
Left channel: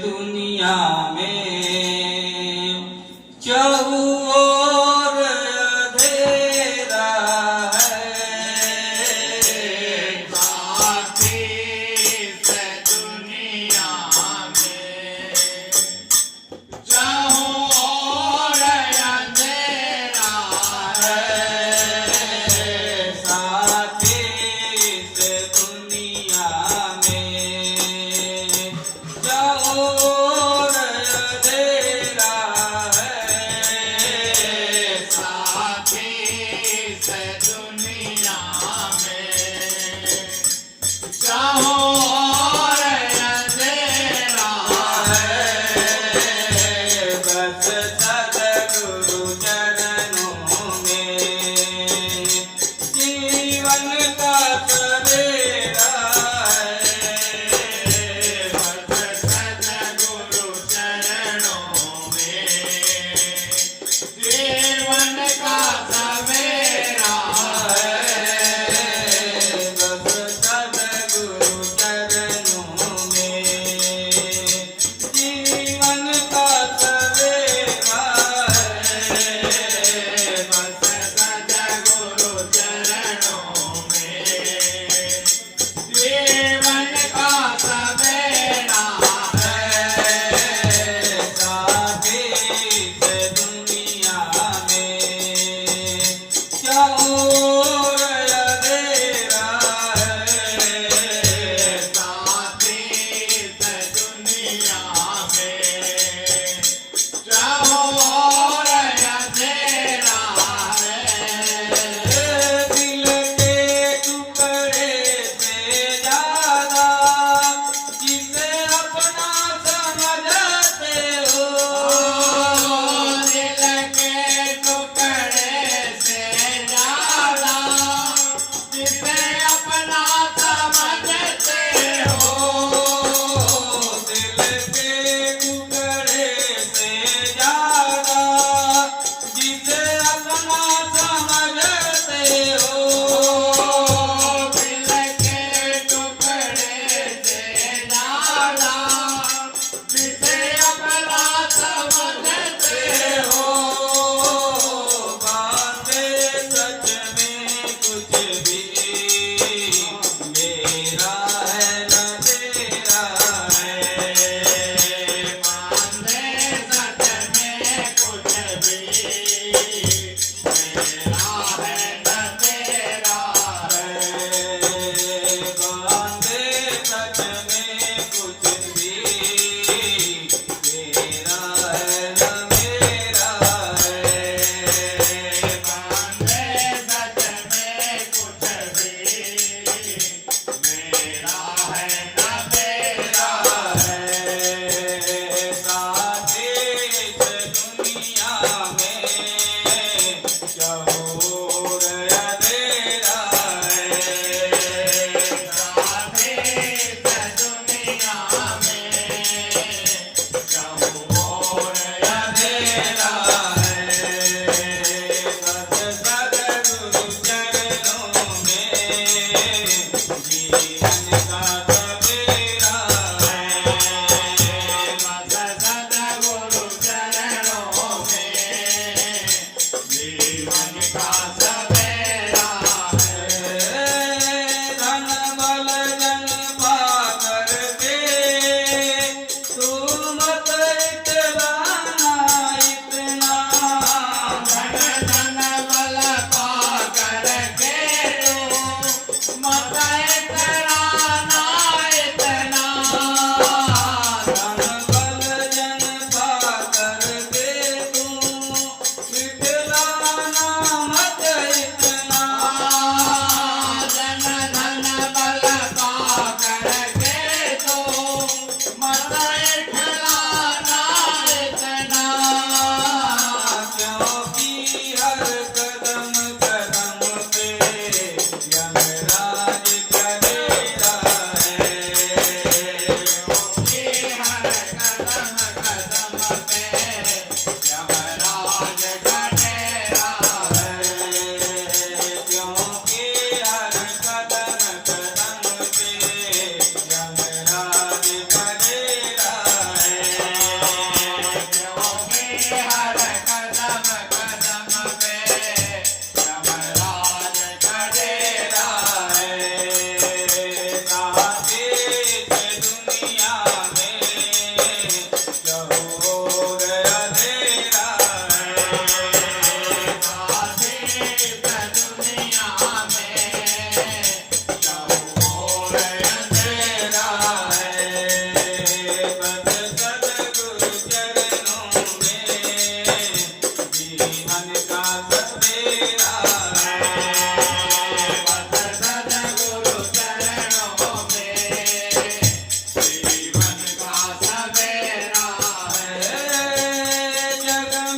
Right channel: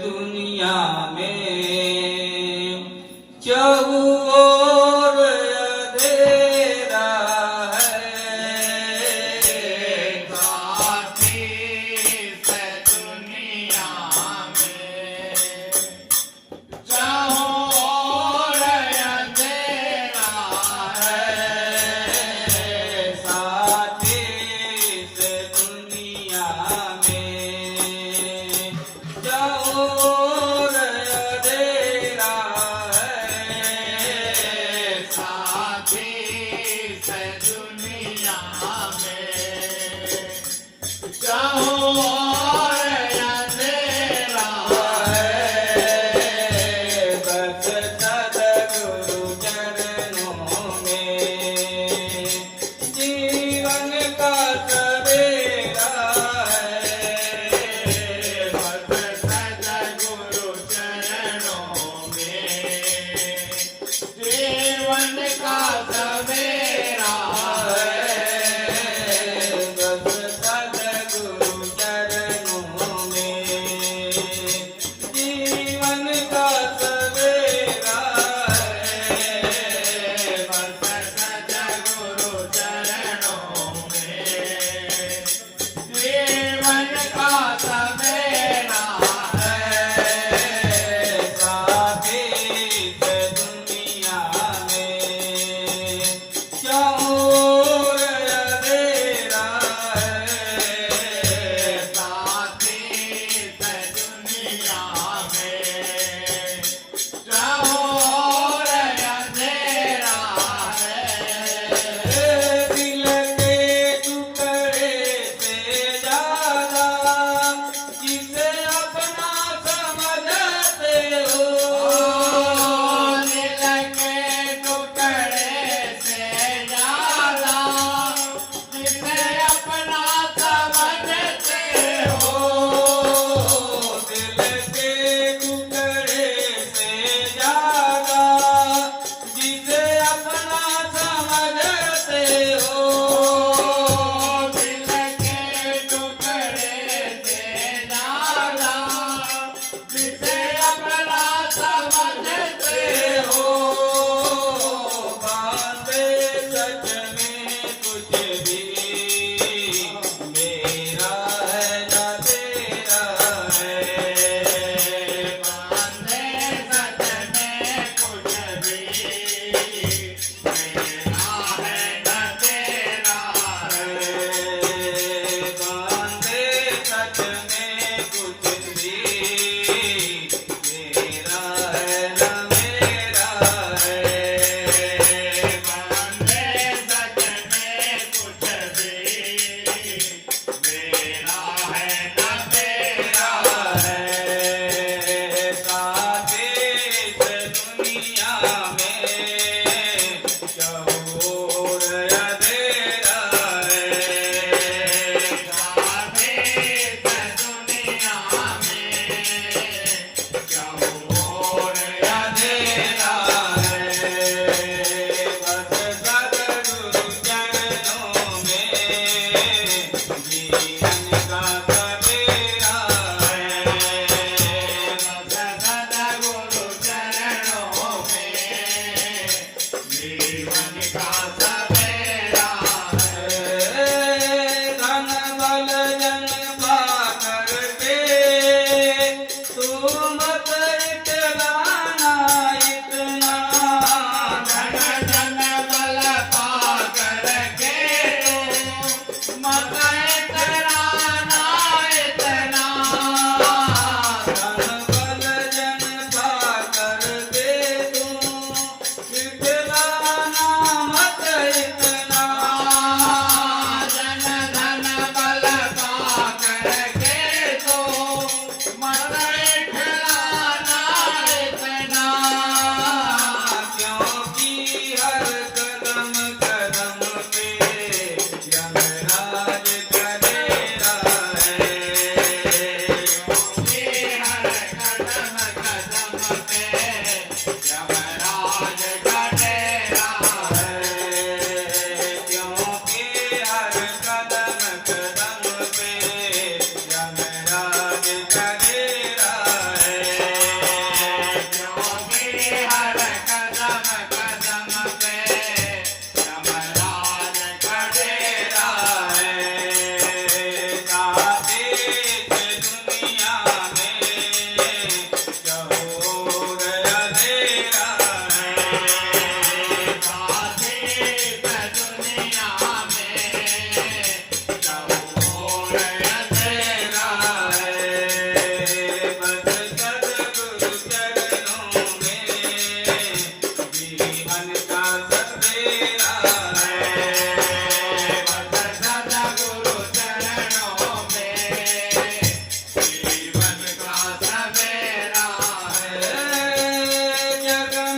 दुनिया में चहुओर अंधेरा है, साथी इस दुनिया में चहुओर अंधेरा है, साथी इस दुनिया में चहुओर अंधेरा है, साथी इस दुनिया में चहुओर अंधेरा है, बस सद्गुरु चरणों में जीवन का सवेरा है, बस सद्गुरु चरणों में जीवन का सवेरा है, बस सद्गुरु चरणों में जीवन का सवेरा है, बस सद्गुरु चरणों में जीवन का सवेरा है, साथी इस दुनिया में चहुओर अंधेरा है, साथी इस दुनिया में चहुओर अंधेरा है, दिल के टुकड़े से ज्यादा जिसे अपना समझते हो, दिल के टुकड़े से ज्यादा जिसे अपना समझते हो, दिल के टुकड़े से ज्यादा जिसे अपना समझते हो, दिल के टुकड़े से ज्यादा जिसे अपना समझते हो, बातें सच में कुछ भी मेरा है न तेरा है, माने सच में कुछ भी मेरा है न तेरा है, बातें सच में कुछ भी मेरा है न मेरा है, माने सच में कुछ भी मेरा है न तेरा है, साथी इस दुनिया में चहुओर अंधेरा है, साथी इस दुनिया में चहुओर अंधेरा है, बस सद्गुरु चरणों में जीवन का सवेरा है, बस सद्गुरु चरणों में जीवन का सवेरा है, धन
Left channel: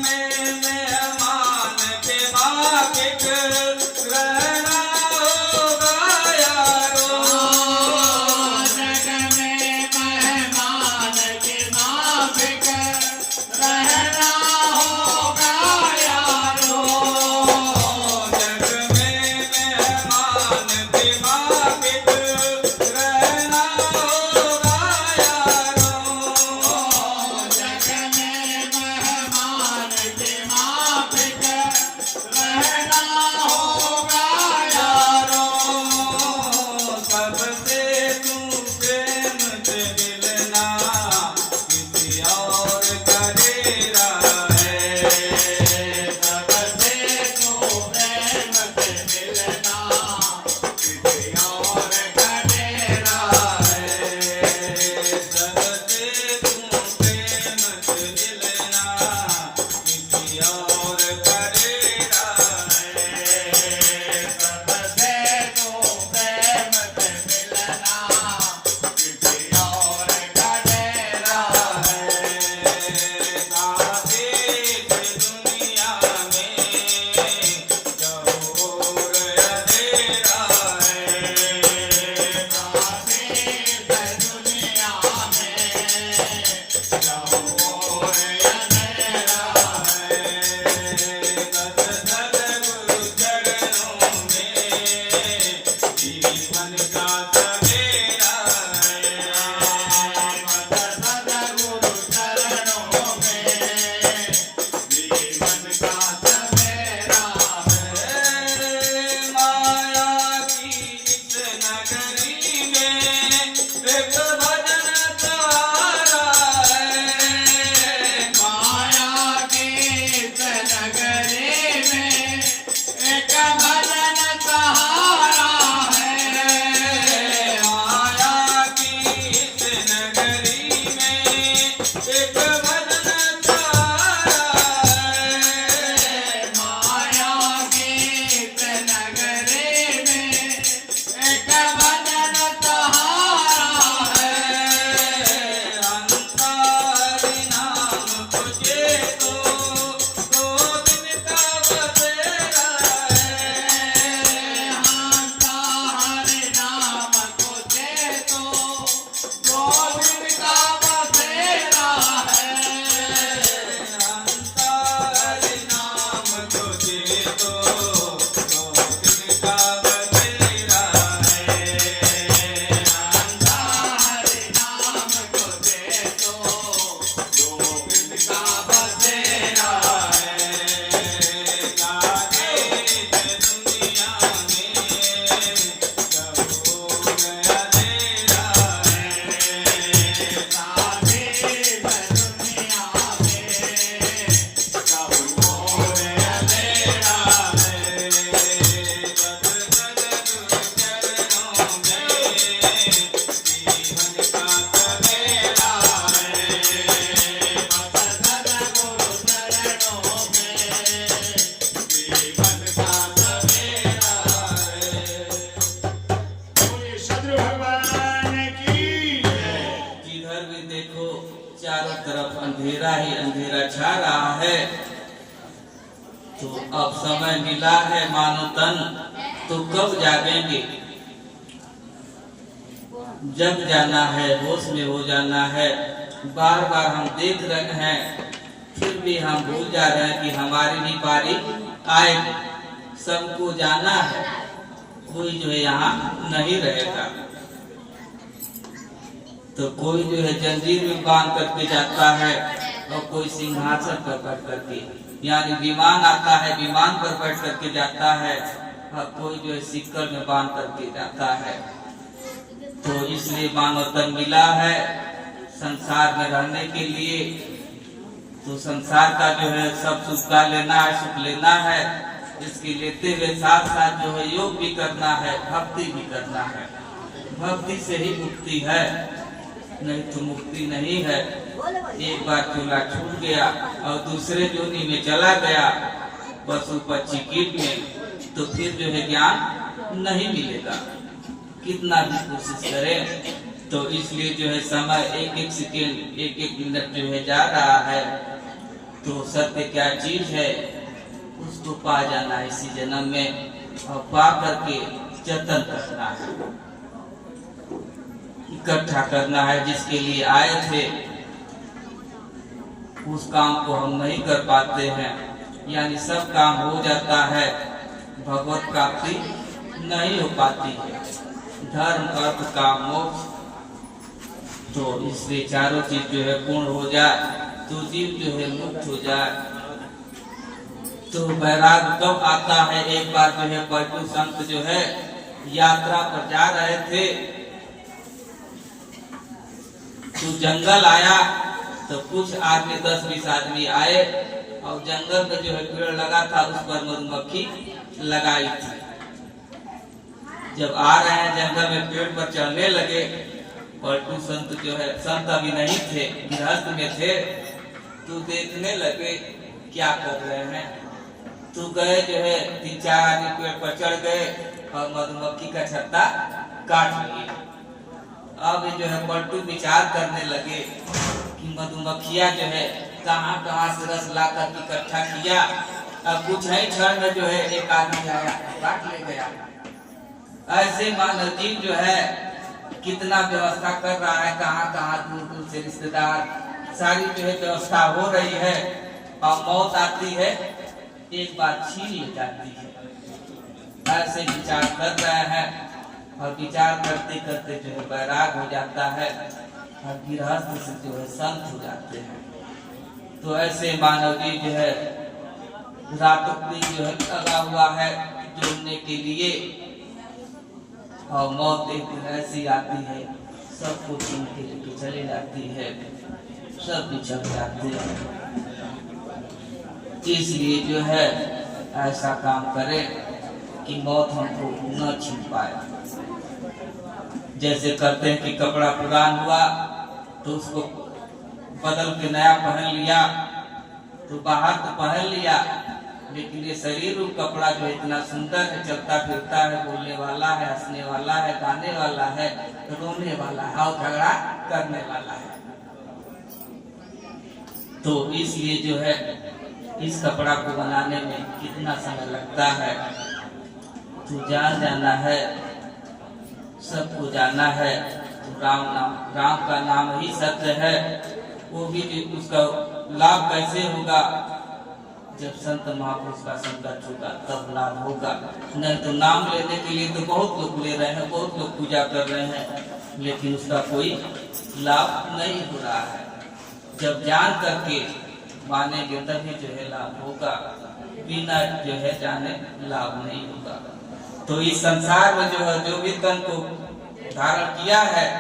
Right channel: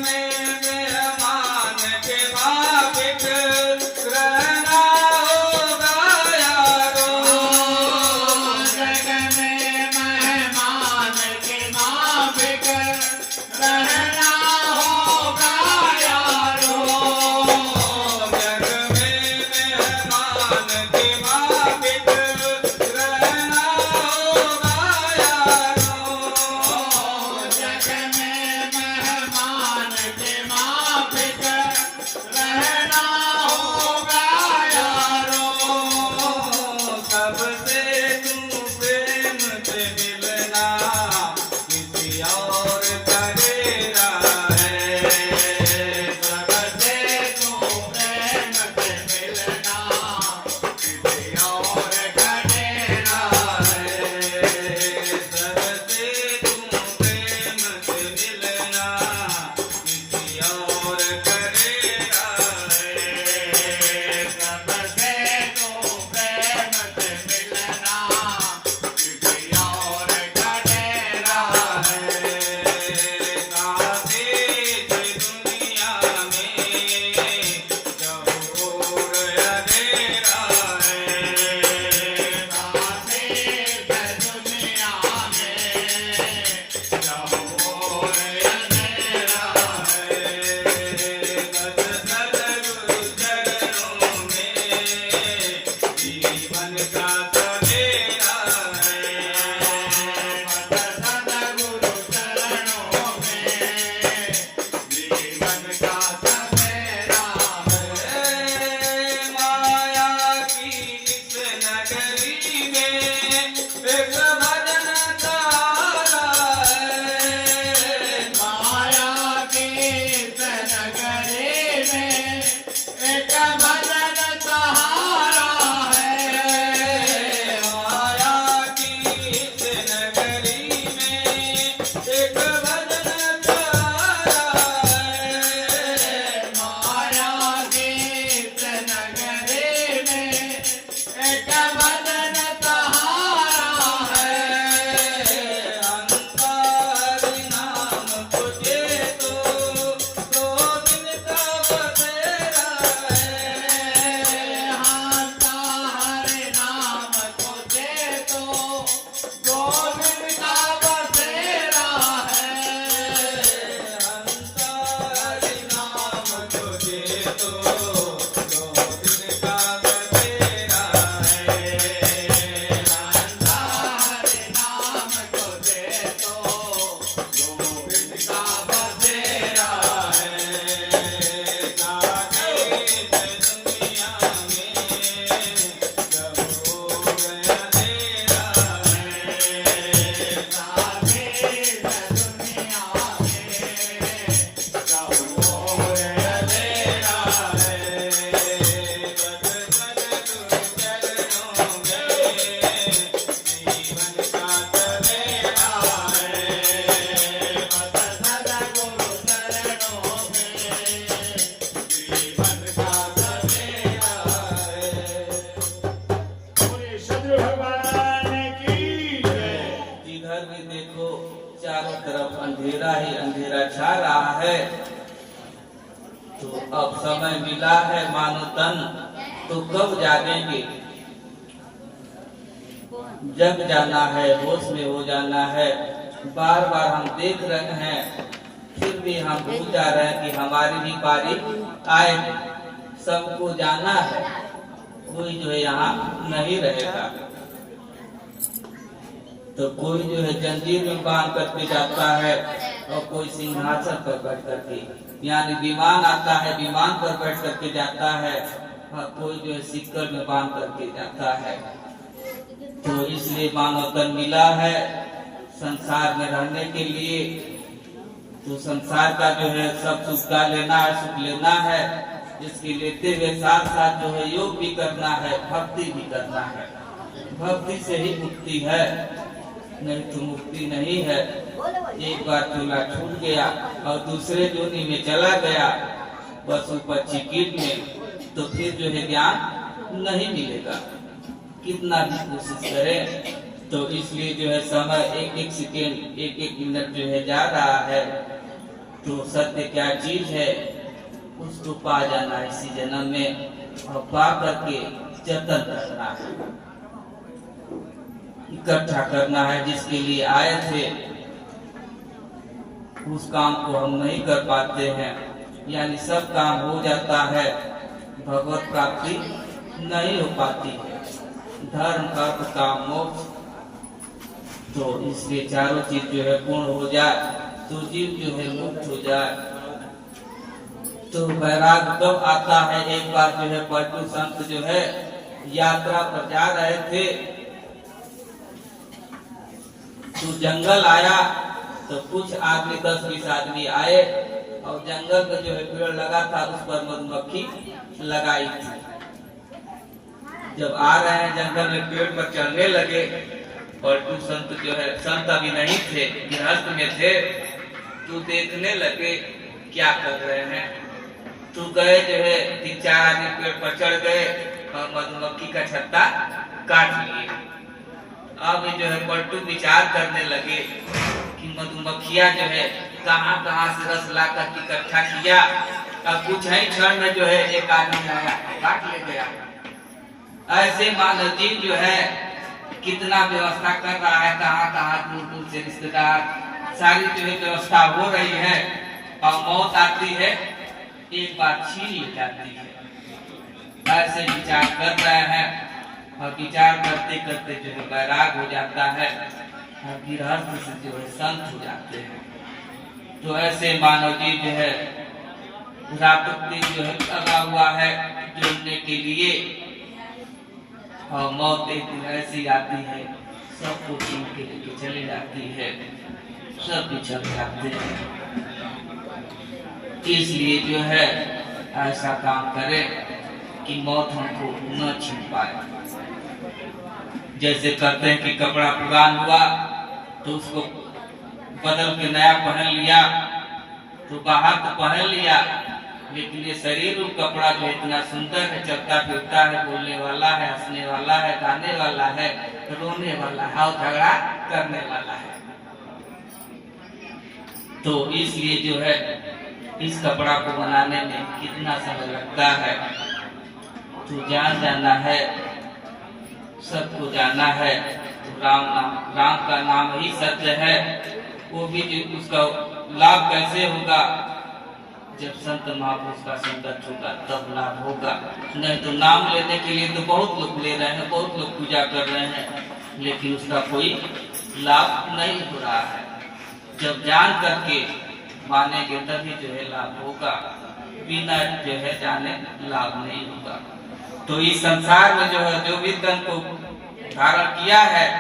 में मेहमान के माफिक रहना होगा यारो। जग में मेहमान के माफिक रहना होगा यारो। जग में मेहमान के माफिक रहना होगा यारो। जग में मेहमान के माफिक रहना होगा यारो। सबसे तू प्रेम से मिलना किसी और का डेरा है। सबसे तू प्रेम से मिलना किसी और का डेरा है। सबसे तू प्रेम से मिलना किसी और का डेरा है। सबसे तू प्रेम से मिलना किसी और का डेरा है। काहे इस दुनिया में चहुओर अंधेरा है। जीवन का सवेरा माया की इस नगरी में एक भजन सहारा है। माया के नगरी में एक भजन सहारा है। माया की इस नगरी में एक भजन सहारा है। माया के नगरी में एक भजन सहारा है। अंतारी नाम तुझे तो दो दिन का बसेरा है। हंता हरि नाम तुझे तो दो दिन का बसेरा है। अंतारी नाम तुझे तो दो दिन का बसेरा है। हंता हरि नाम तुझे तो दो दिन का बसेरा सदगुरु भगवान की जय। जिधर भी देखो चारों तरफ अंधेरा ही अंधेरा छा रहा है। तो अब समय मिला है मानो तन, तो कब जागेंगे? जग जाना है, होश में हो जाना है। बार बार हम देख रहे हैं, फिर भी हम भूल जा रहे हैं कि हमारी भी बारी आए। सबको जाना है, कोई जो है यहाँ नहीं रहेगा। तो कोई जो है जंजीर में बांध करके जाता है और कोई सिंहासन पर बैठ करके, यानी विमान आता है, विमान पर बैठ करके जाता है, और कोई जो है सिक्कर में बांध करके जाता है। तो इसलिए मानव तन मिला है संसार में रहने के लिए। तो संसार का जो है सब सुख का लेना है, सुख लेना है। इसके लेते हुए साथ साथ जो है योग भी करना है, भक्ति भी करना है। भक्ति से ही मुक्ति है, नहीं तो मुक्ति नहीं है। एक बार चूल्हा छूट गया और दूसरे जोनी में चला गया, पशु पक्षी कीट में, तो फिर जो है ज्ञान नहीं मिलेगा, कितना भी कोशिश करें। तो इसलिए जो है समय एक एक सेकेंड, एक एक मिनट जो है जा रहा है। तो सत्य क्या चीज है उसको पा जाना है इसी जन्म में, और पा करके जतन करना है, इकट्ठा करना है। जिसके लिए आए थे उस काम को हम नहीं कर पाते हैं, यानी सब काम हो जाता है, भगवत प्राप्ति नहीं हो पाती है, धर्म अर्थ काम मोक्ष। तो इसलिए चारों चीज जो है पूर्ण हो जाए तो जीव जो है मुक्त हो जाए। तो वैराग कब आता है? एक बार जो है पलटू संत जो है यात्रा पर जा रहे थे तो जंगल आया, तो कुछ आदमी 10-20 आदमी आए और जंगल में जो है पेड़ लगा था उस पर मधुमक्खी लगाई थी। जब आ रहे हैं जंगल में पेड़ पर चढ़ने लगे, पलटू संत जो है, संत अभी नहीं थे, गृहस्थ में थे, तो देखने लगे क्या कर रहे हैं। तो गए जो है 3-4 आदमी पेड़ पर चढ़ गए और मधुमक्खी का छत्ता काट लिया। अब जो है पलटू विचार करने लगे कि मधुमक्खियां जो है कहाँ से रस ला कर इकट्ठा किया। अब कुछ ही क्षण में जो है एक आदमी आया काट ले गया। ऐसे मानव जीव जो है कितना व्यवस्था कर रहा है, कहाँ दूर से रिश्तेदार, सारी जो है व्यवस्था हो रही है, और मौत आती है एक बार छीन ले जाती है। ऐसे विचार कर रहे हैं और विचार करते करते जो है वैराग हो जाता है और गृहस्थ से जो है संत हो जाते हैं। तो ऐसे मानव जी जो है रातों दिन जो है लगा हुआ है जोड़ने के लिए, और मौत एक दिन ऐसी आती है सबको छीन के लेके चली जाती है, सब बिछड़ जाते हैं। इसलिए जो है ऐसा काम करे कि मौत हमको न छीन पाए। जैसे करते हैं कि कपड़ा प्रदान हुआ तो उसको बदल के नया पहन लिया, तो बाहर तो पहन लिया, लेकिन ये शरीर और कपड़ा जो इतना सुंदर है, चलता फिरता है, बोलने वाला है, हंसने वाला है, गाने वाला है, रोने वाला है और झगड़ा करने वाला है। तो इसलिए जो है इस कपड़ा को बनाने में कितना समय लगता है, तो जाना है, सबको जाना है। तो राम का नाम ही सत्य है। वो भी उसका लाभ कैसे होगा? जब संत महापुरुष का संकट होगा तब लाभ होगा। नहीं तो नाम लेने के लिए तो बहुत लोग ले रहे हैं, बहुत लोग पूजा कर रहे हैं, लेकिन उसका कोई लाभ नहीं हो रहा है। जब जान करके मानेंगे तभी जो है लाभ होगा, बिना जो है जाने लाभ नहीं होगा। तो इस संसार में जो है जो भी तन को धारण किया है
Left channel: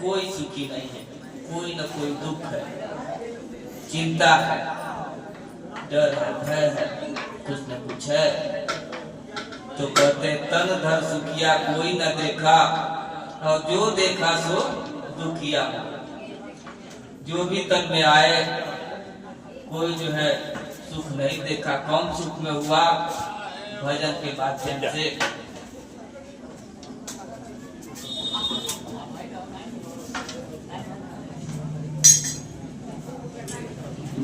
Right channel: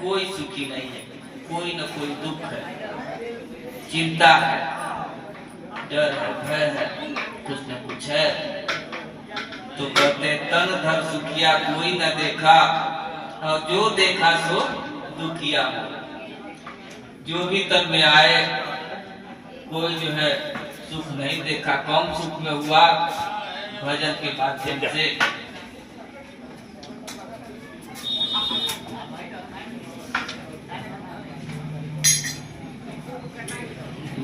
कोई सुखी नहीं है, कोई न कोई दुख है, चिंता है, डर है, भय है, कुछ न कुछ है। तो कहते तन धर सुखिया कोई न देखा, और जो देखा सो दुखिया। जो भी तन में आए कोई जो है सुख नहीं देखा, कम सुख में हुआ भजन के माध्यम से।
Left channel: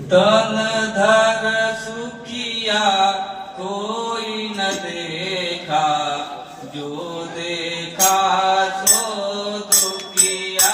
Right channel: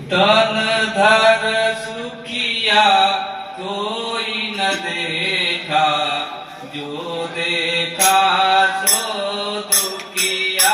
तन धर सुखिया कोई न देखा, जो देखा सो दुखिया।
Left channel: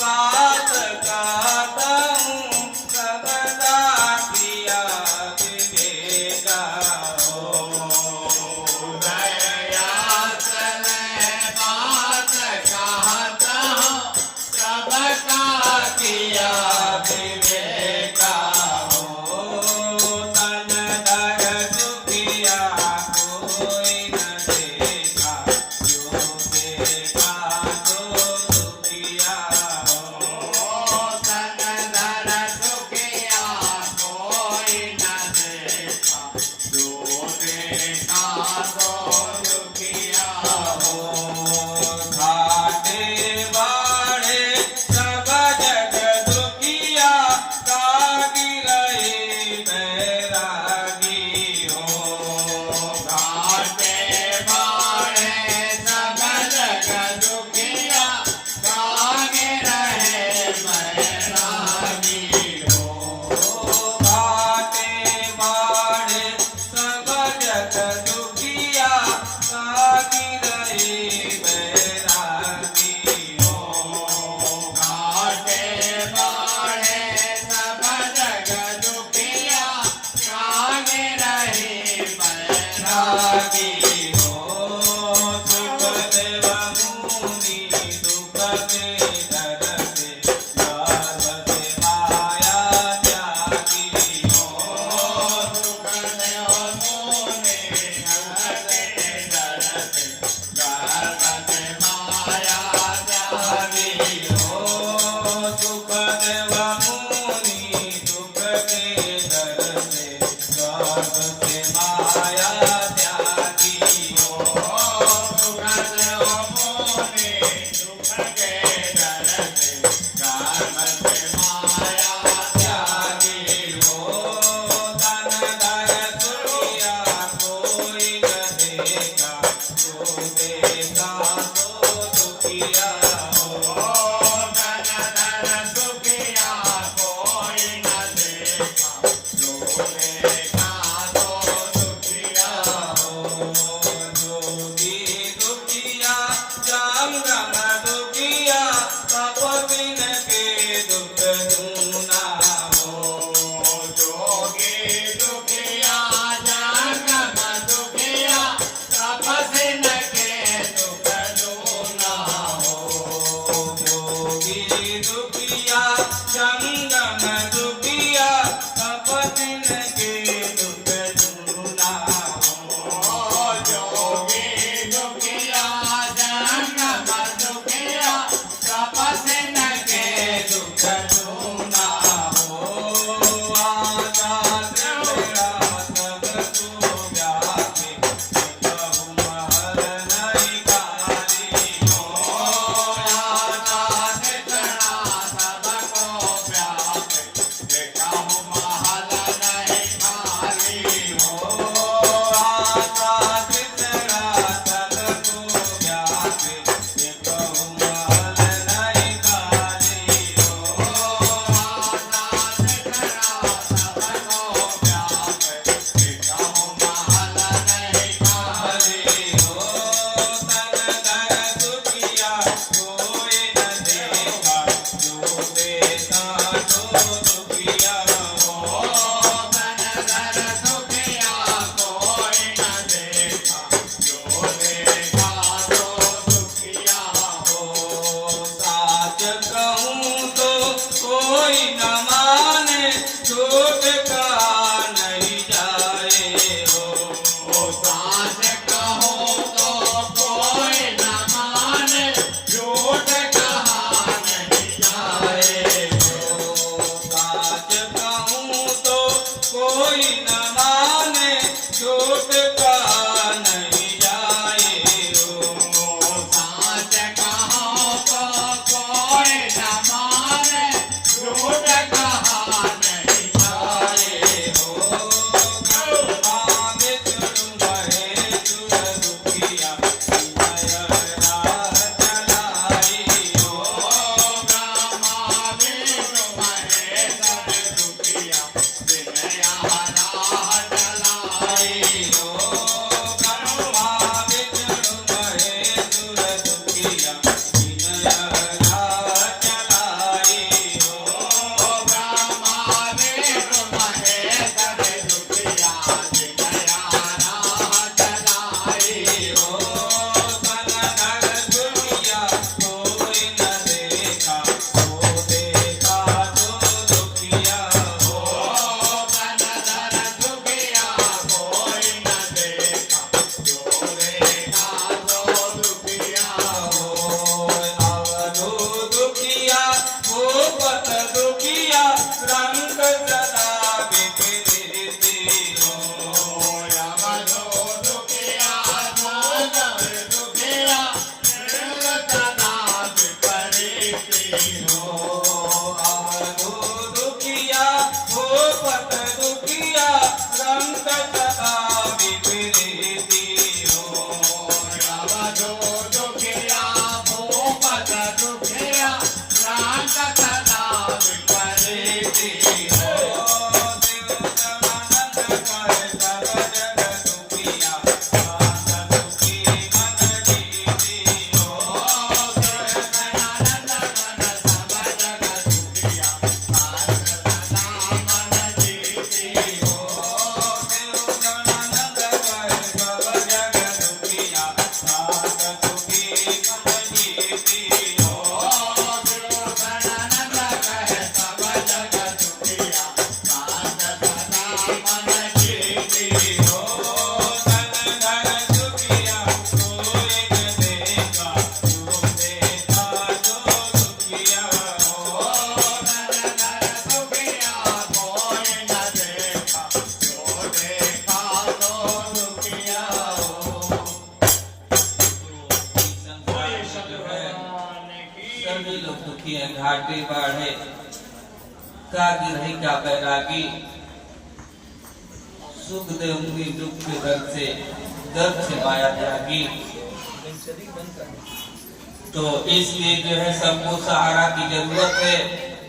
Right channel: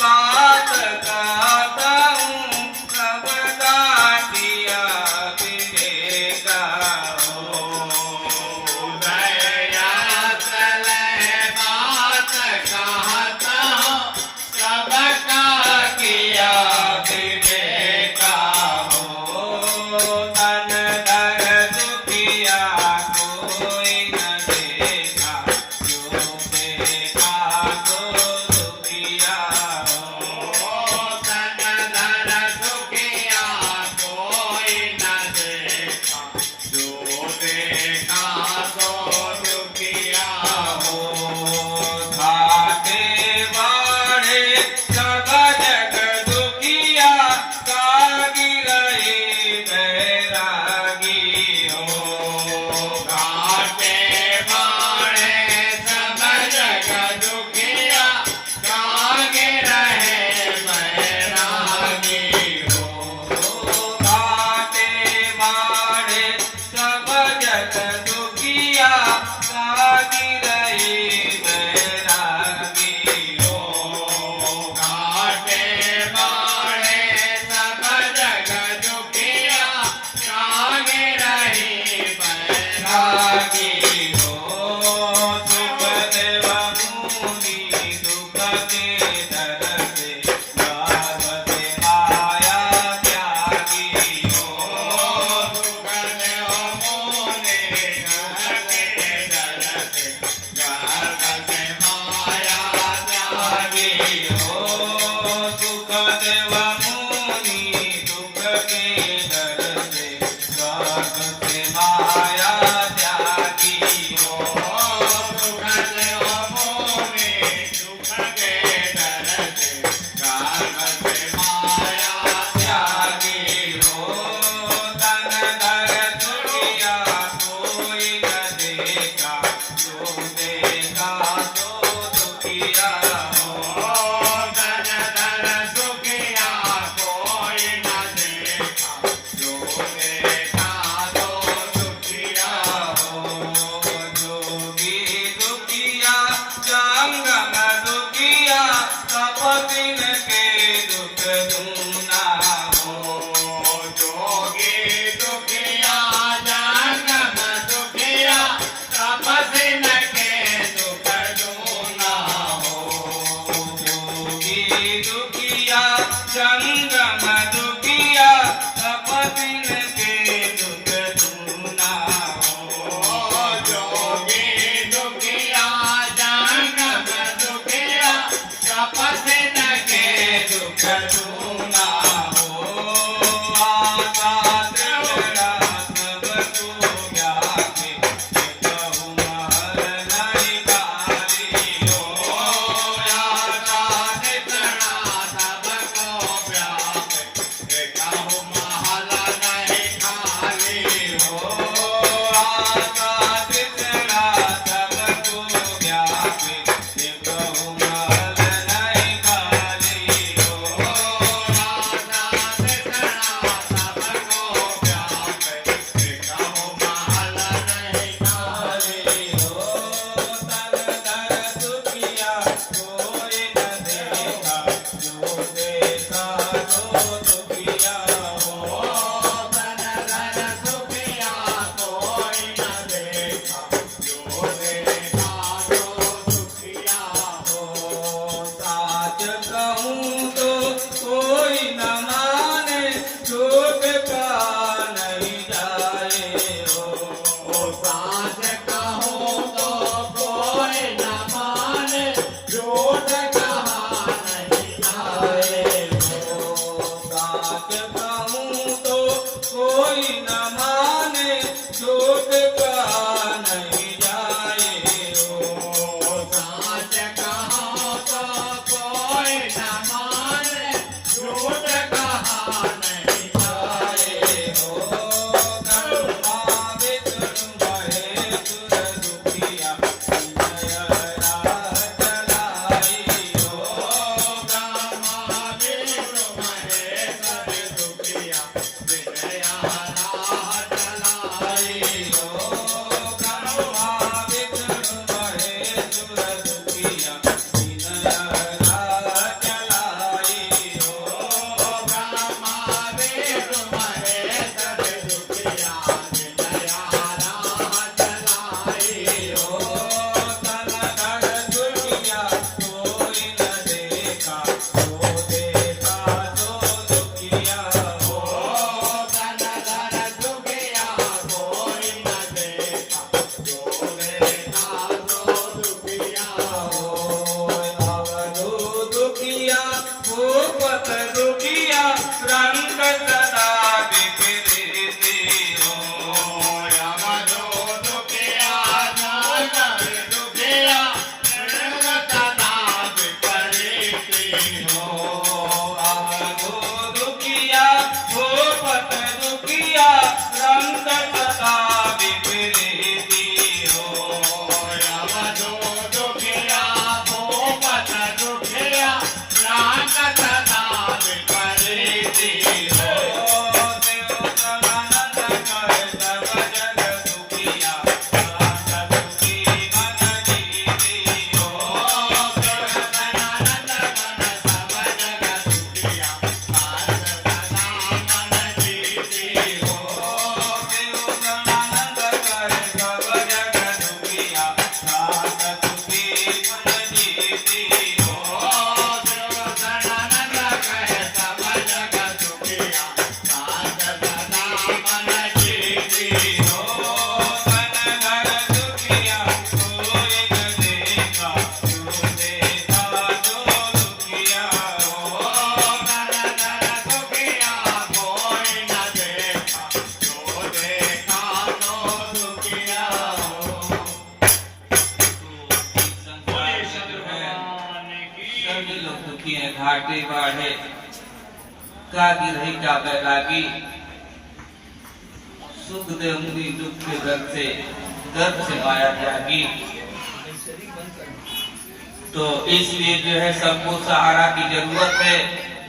बात कहता हूँ सबका किया विवेका हो। उदया चले बात कहता हूँ सबका किया विवेका हो। तन दर दुखिया कोई न देखा, जो देखा तो दुखिया हो। तन धन सुखिया कोई न देखा, जो देखा तो दुखिया हो। घाटे बाढ़े सदा जग दुखिया, कागी रही बैरागी हो। घाटे बाढ़े सब जग दुखिया, कागे रहे बैरागी हो। घाटे बाढ़े सब जग दुखिया, कागी रही बैरागी हो। घाटे बाढ़े सब जग दुखिया, कागे रहे बैरागी रागी हो। सुख देव मुनि दुख के दर से, लाभ से आया त्यागी हो। सुख देव मोने घटे डरते, गर्भ से माया त्यागी हो। सुख देव मुनि दुख के दर से, गर्भ से माया त्यागी हो। सुख देव मोने सुख के डरते, गर्भ से माया त्यागी हो। तन दर दुखिया कोई न देखा, जो देखा तो दुखिया हो। धन धन सुखिया कोई न देखा, जो देखा तो दुखिया हो। जोगी दुखिया जंगम दुखिया, तपतिन के दुख दूना हो। जोगी दुखिया जन्म दुखिया, तपस्विन के दुख दूना हो। जोगी दुखिया जंगम दुखिया, तपतिन के दुख दूना हो। जोगी दुखिया जन्म दुखिया, तपस्विन के दुख दूना हो। आशा तेरा सब तू जाके, कहूँ महल नहीं खाली हो। आशा कितना सबको प्यासे, कहूँ महल नहीं खाली हो। आशा तेरा सब तू जाके, कहूँ महल नहीं खाली हो। दुखिया भूपत दुखिया रंग सदा विपरीती हो। अवधो दुखिया भूपत दुखिया रंग सदा विपरीती हो। देव समानंद कर सब जग सुखिया राज सुखी मन जीती हो। सदानंद कर सब जग सुखिया राज सदा मन जीती हो। देव समानंद कर सब जग सुखिया राज सुखी मन जीती हो। सदानंद कर सब जग सुखिया राज सदा मन जीती हो। धन धन दुखिया कोई न देगा जो देगा तो दुखिया हो। धन धन दुखिया कोई न देखा जो देखा तो दुखिया हो। संसार में जो है सभी लोग दुखी हैं। घाटे बाढ़े का गिरही का बैरागी सुख दे उंगली दुख के दर्द से माया त्यागी। तो इसलिए जो है सबको सहारा की जरूरत है।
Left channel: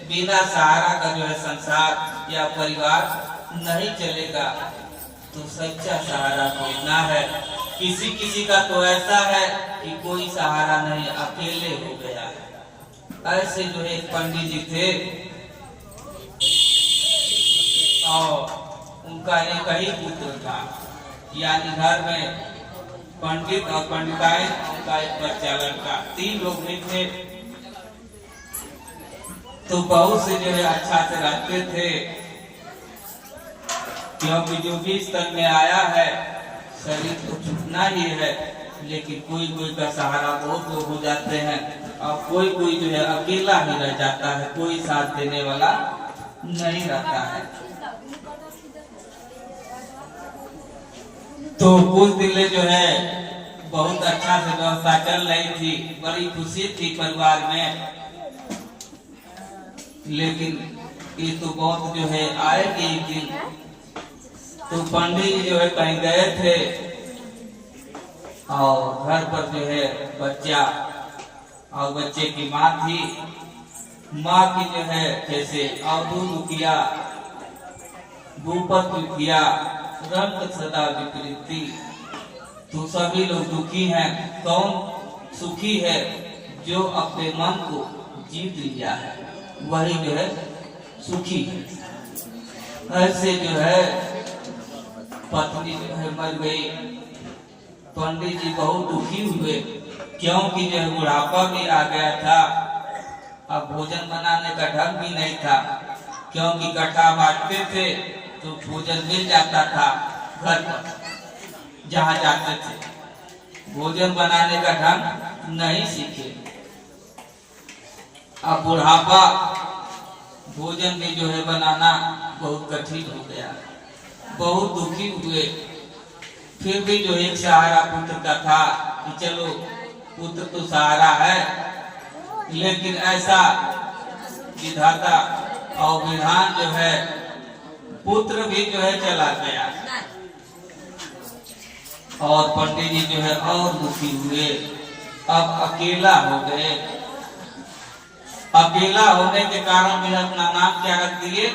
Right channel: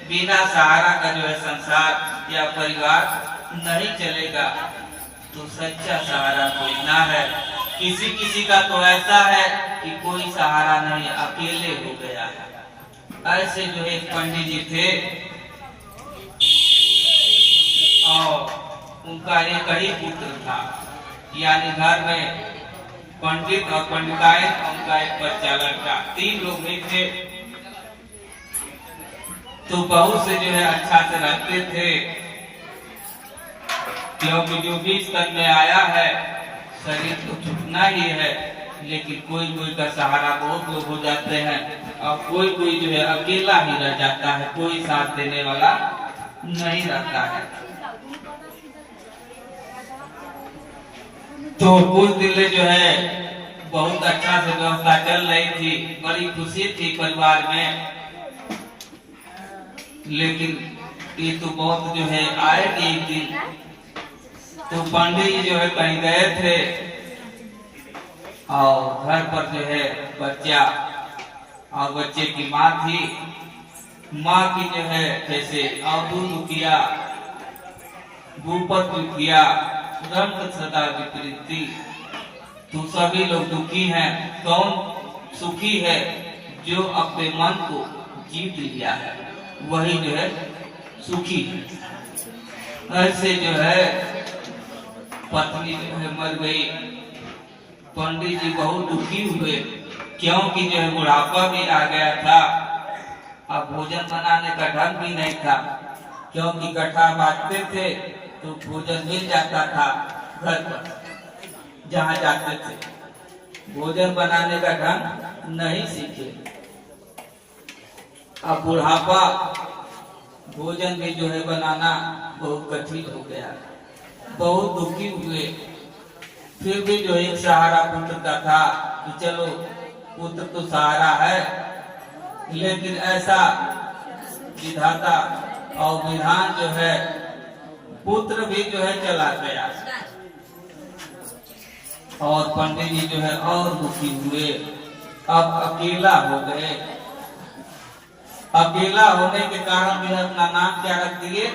बिना सहारा का जो है संसार या परिवार नहीं चलेगा। तो सच्चा सहारा कोई ना है। किसी किसी का तो ऐसा है कि कोई सहारा नहीं, अकेले हो गया है। ऐसे जो है एक पंडित जी थे और उनका एक ही पुत्र था, यानी घर में पंडित और पंडिताइन, उनका एक बच्चा लड़का, 3 लोग भी थे। तो बहुत से जो है अच्छा से रहते थे, क्योंकि जो भी तन में आया है शरीर तो छूटना ही है। लेकिन कोई कोई का सहारा बहुत लोग हो जाते हैं और कोई कोई जो है अकेला ही रह जाता है, कोई साथ देने वाला नहीं रहता है। तो कुछ दिन जो है बहुत अच्छा से व्यवस्था चल रही थी, बड़ी खुशी थी परिवार में। लेकिन ये तो बहुत जो है आएगी एक दिन। तो पंडित जी जो है कहीं गए थे और घर पर जो है बच्चा और बच्चे की माँ थी। माँ की जो है जैसे अवधू दुखिया भूपत दुखिया रंग सदा विपरीती। तो सभी लोग दुखी हैं। कौन सुखी है? जो अपने मन को जीत लिया है, वही जो है सुखी है। ऐसे जो है पत्नी जो है मर गई। पंडित जी बहुत दुखी हुए, क्योंकि जो है बुढ़ापा भी आ गया था। अब भोजन बनाने का ढंग भी नहीं था, क्योंकि गट्ठा बांटते थे तो भोजन मिल जाता था घर पर जहाँ जाते थे। भोजन बनाने का ढंग नहीं सीखे। अब बुढ़ापा, भोजन भी जो है बनाना बहुत कठिन हो गया। बहुत दुखी हुए। फिर भी जो एक सहारा पुत्र का था कि चलो पुत्र तो सहारा है, लेकिन ऐसा विधाता और विधान जो है पुत्र भी जो है चला गया। और पंडित जी जो है और दुखी हुए। अब अकेला हो गए। अकेला होने के कारण भी अपना नाम क्या रख दिए?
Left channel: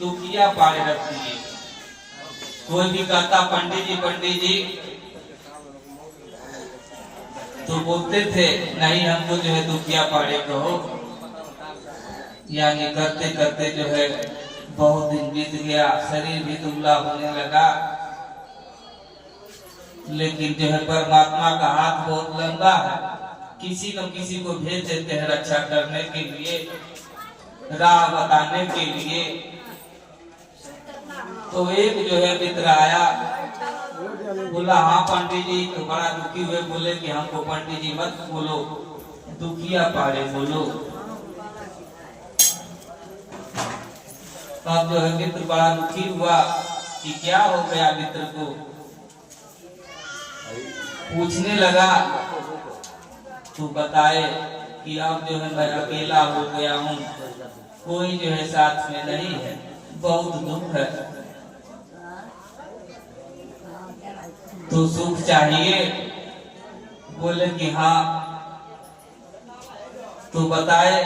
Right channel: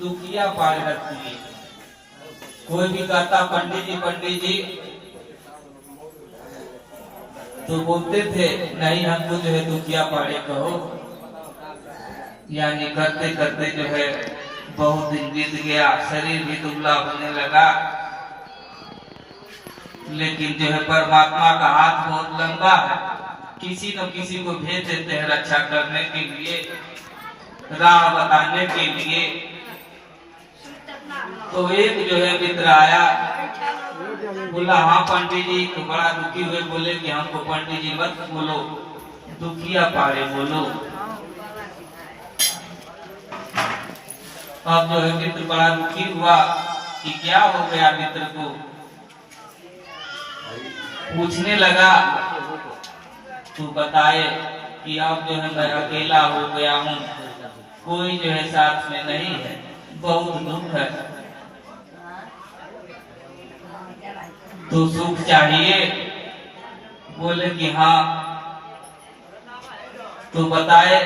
दुखिया पाड़े रख दिए। कोई भी कहता पंडित जी तो बोलते थे नहीं, हमको जो है दुखिया पाड़े कहो। यानी करते करते जो है बहुत दिन बीत गया, शरीर भी दुबला होने लगा। लेकिन जो है परमात्मा का हाथ बहुत लंबा है, किसी न किसी को भेज देते हैं रक्षा करने के लिए, राह बताने के लिए। तो एक जो है मित्र आया, बोला हाँ पंडित जी। तो बड़ा दुखी हुए, बोले कि हमको पंडित जी मत बोलो, दुखिया पाड़े बोलो। अब जो है मित्र बड़ा दुखी हुआ कि क्या हो गया मित्र को। पूछने लगा तो बताए कि अब जो है मैं अकेला हो गया हूँ, कोई जो है साथ में नहीं है, बहुत दुख है। तो सुख चाहिए? बोले कि हाँ। तो बताए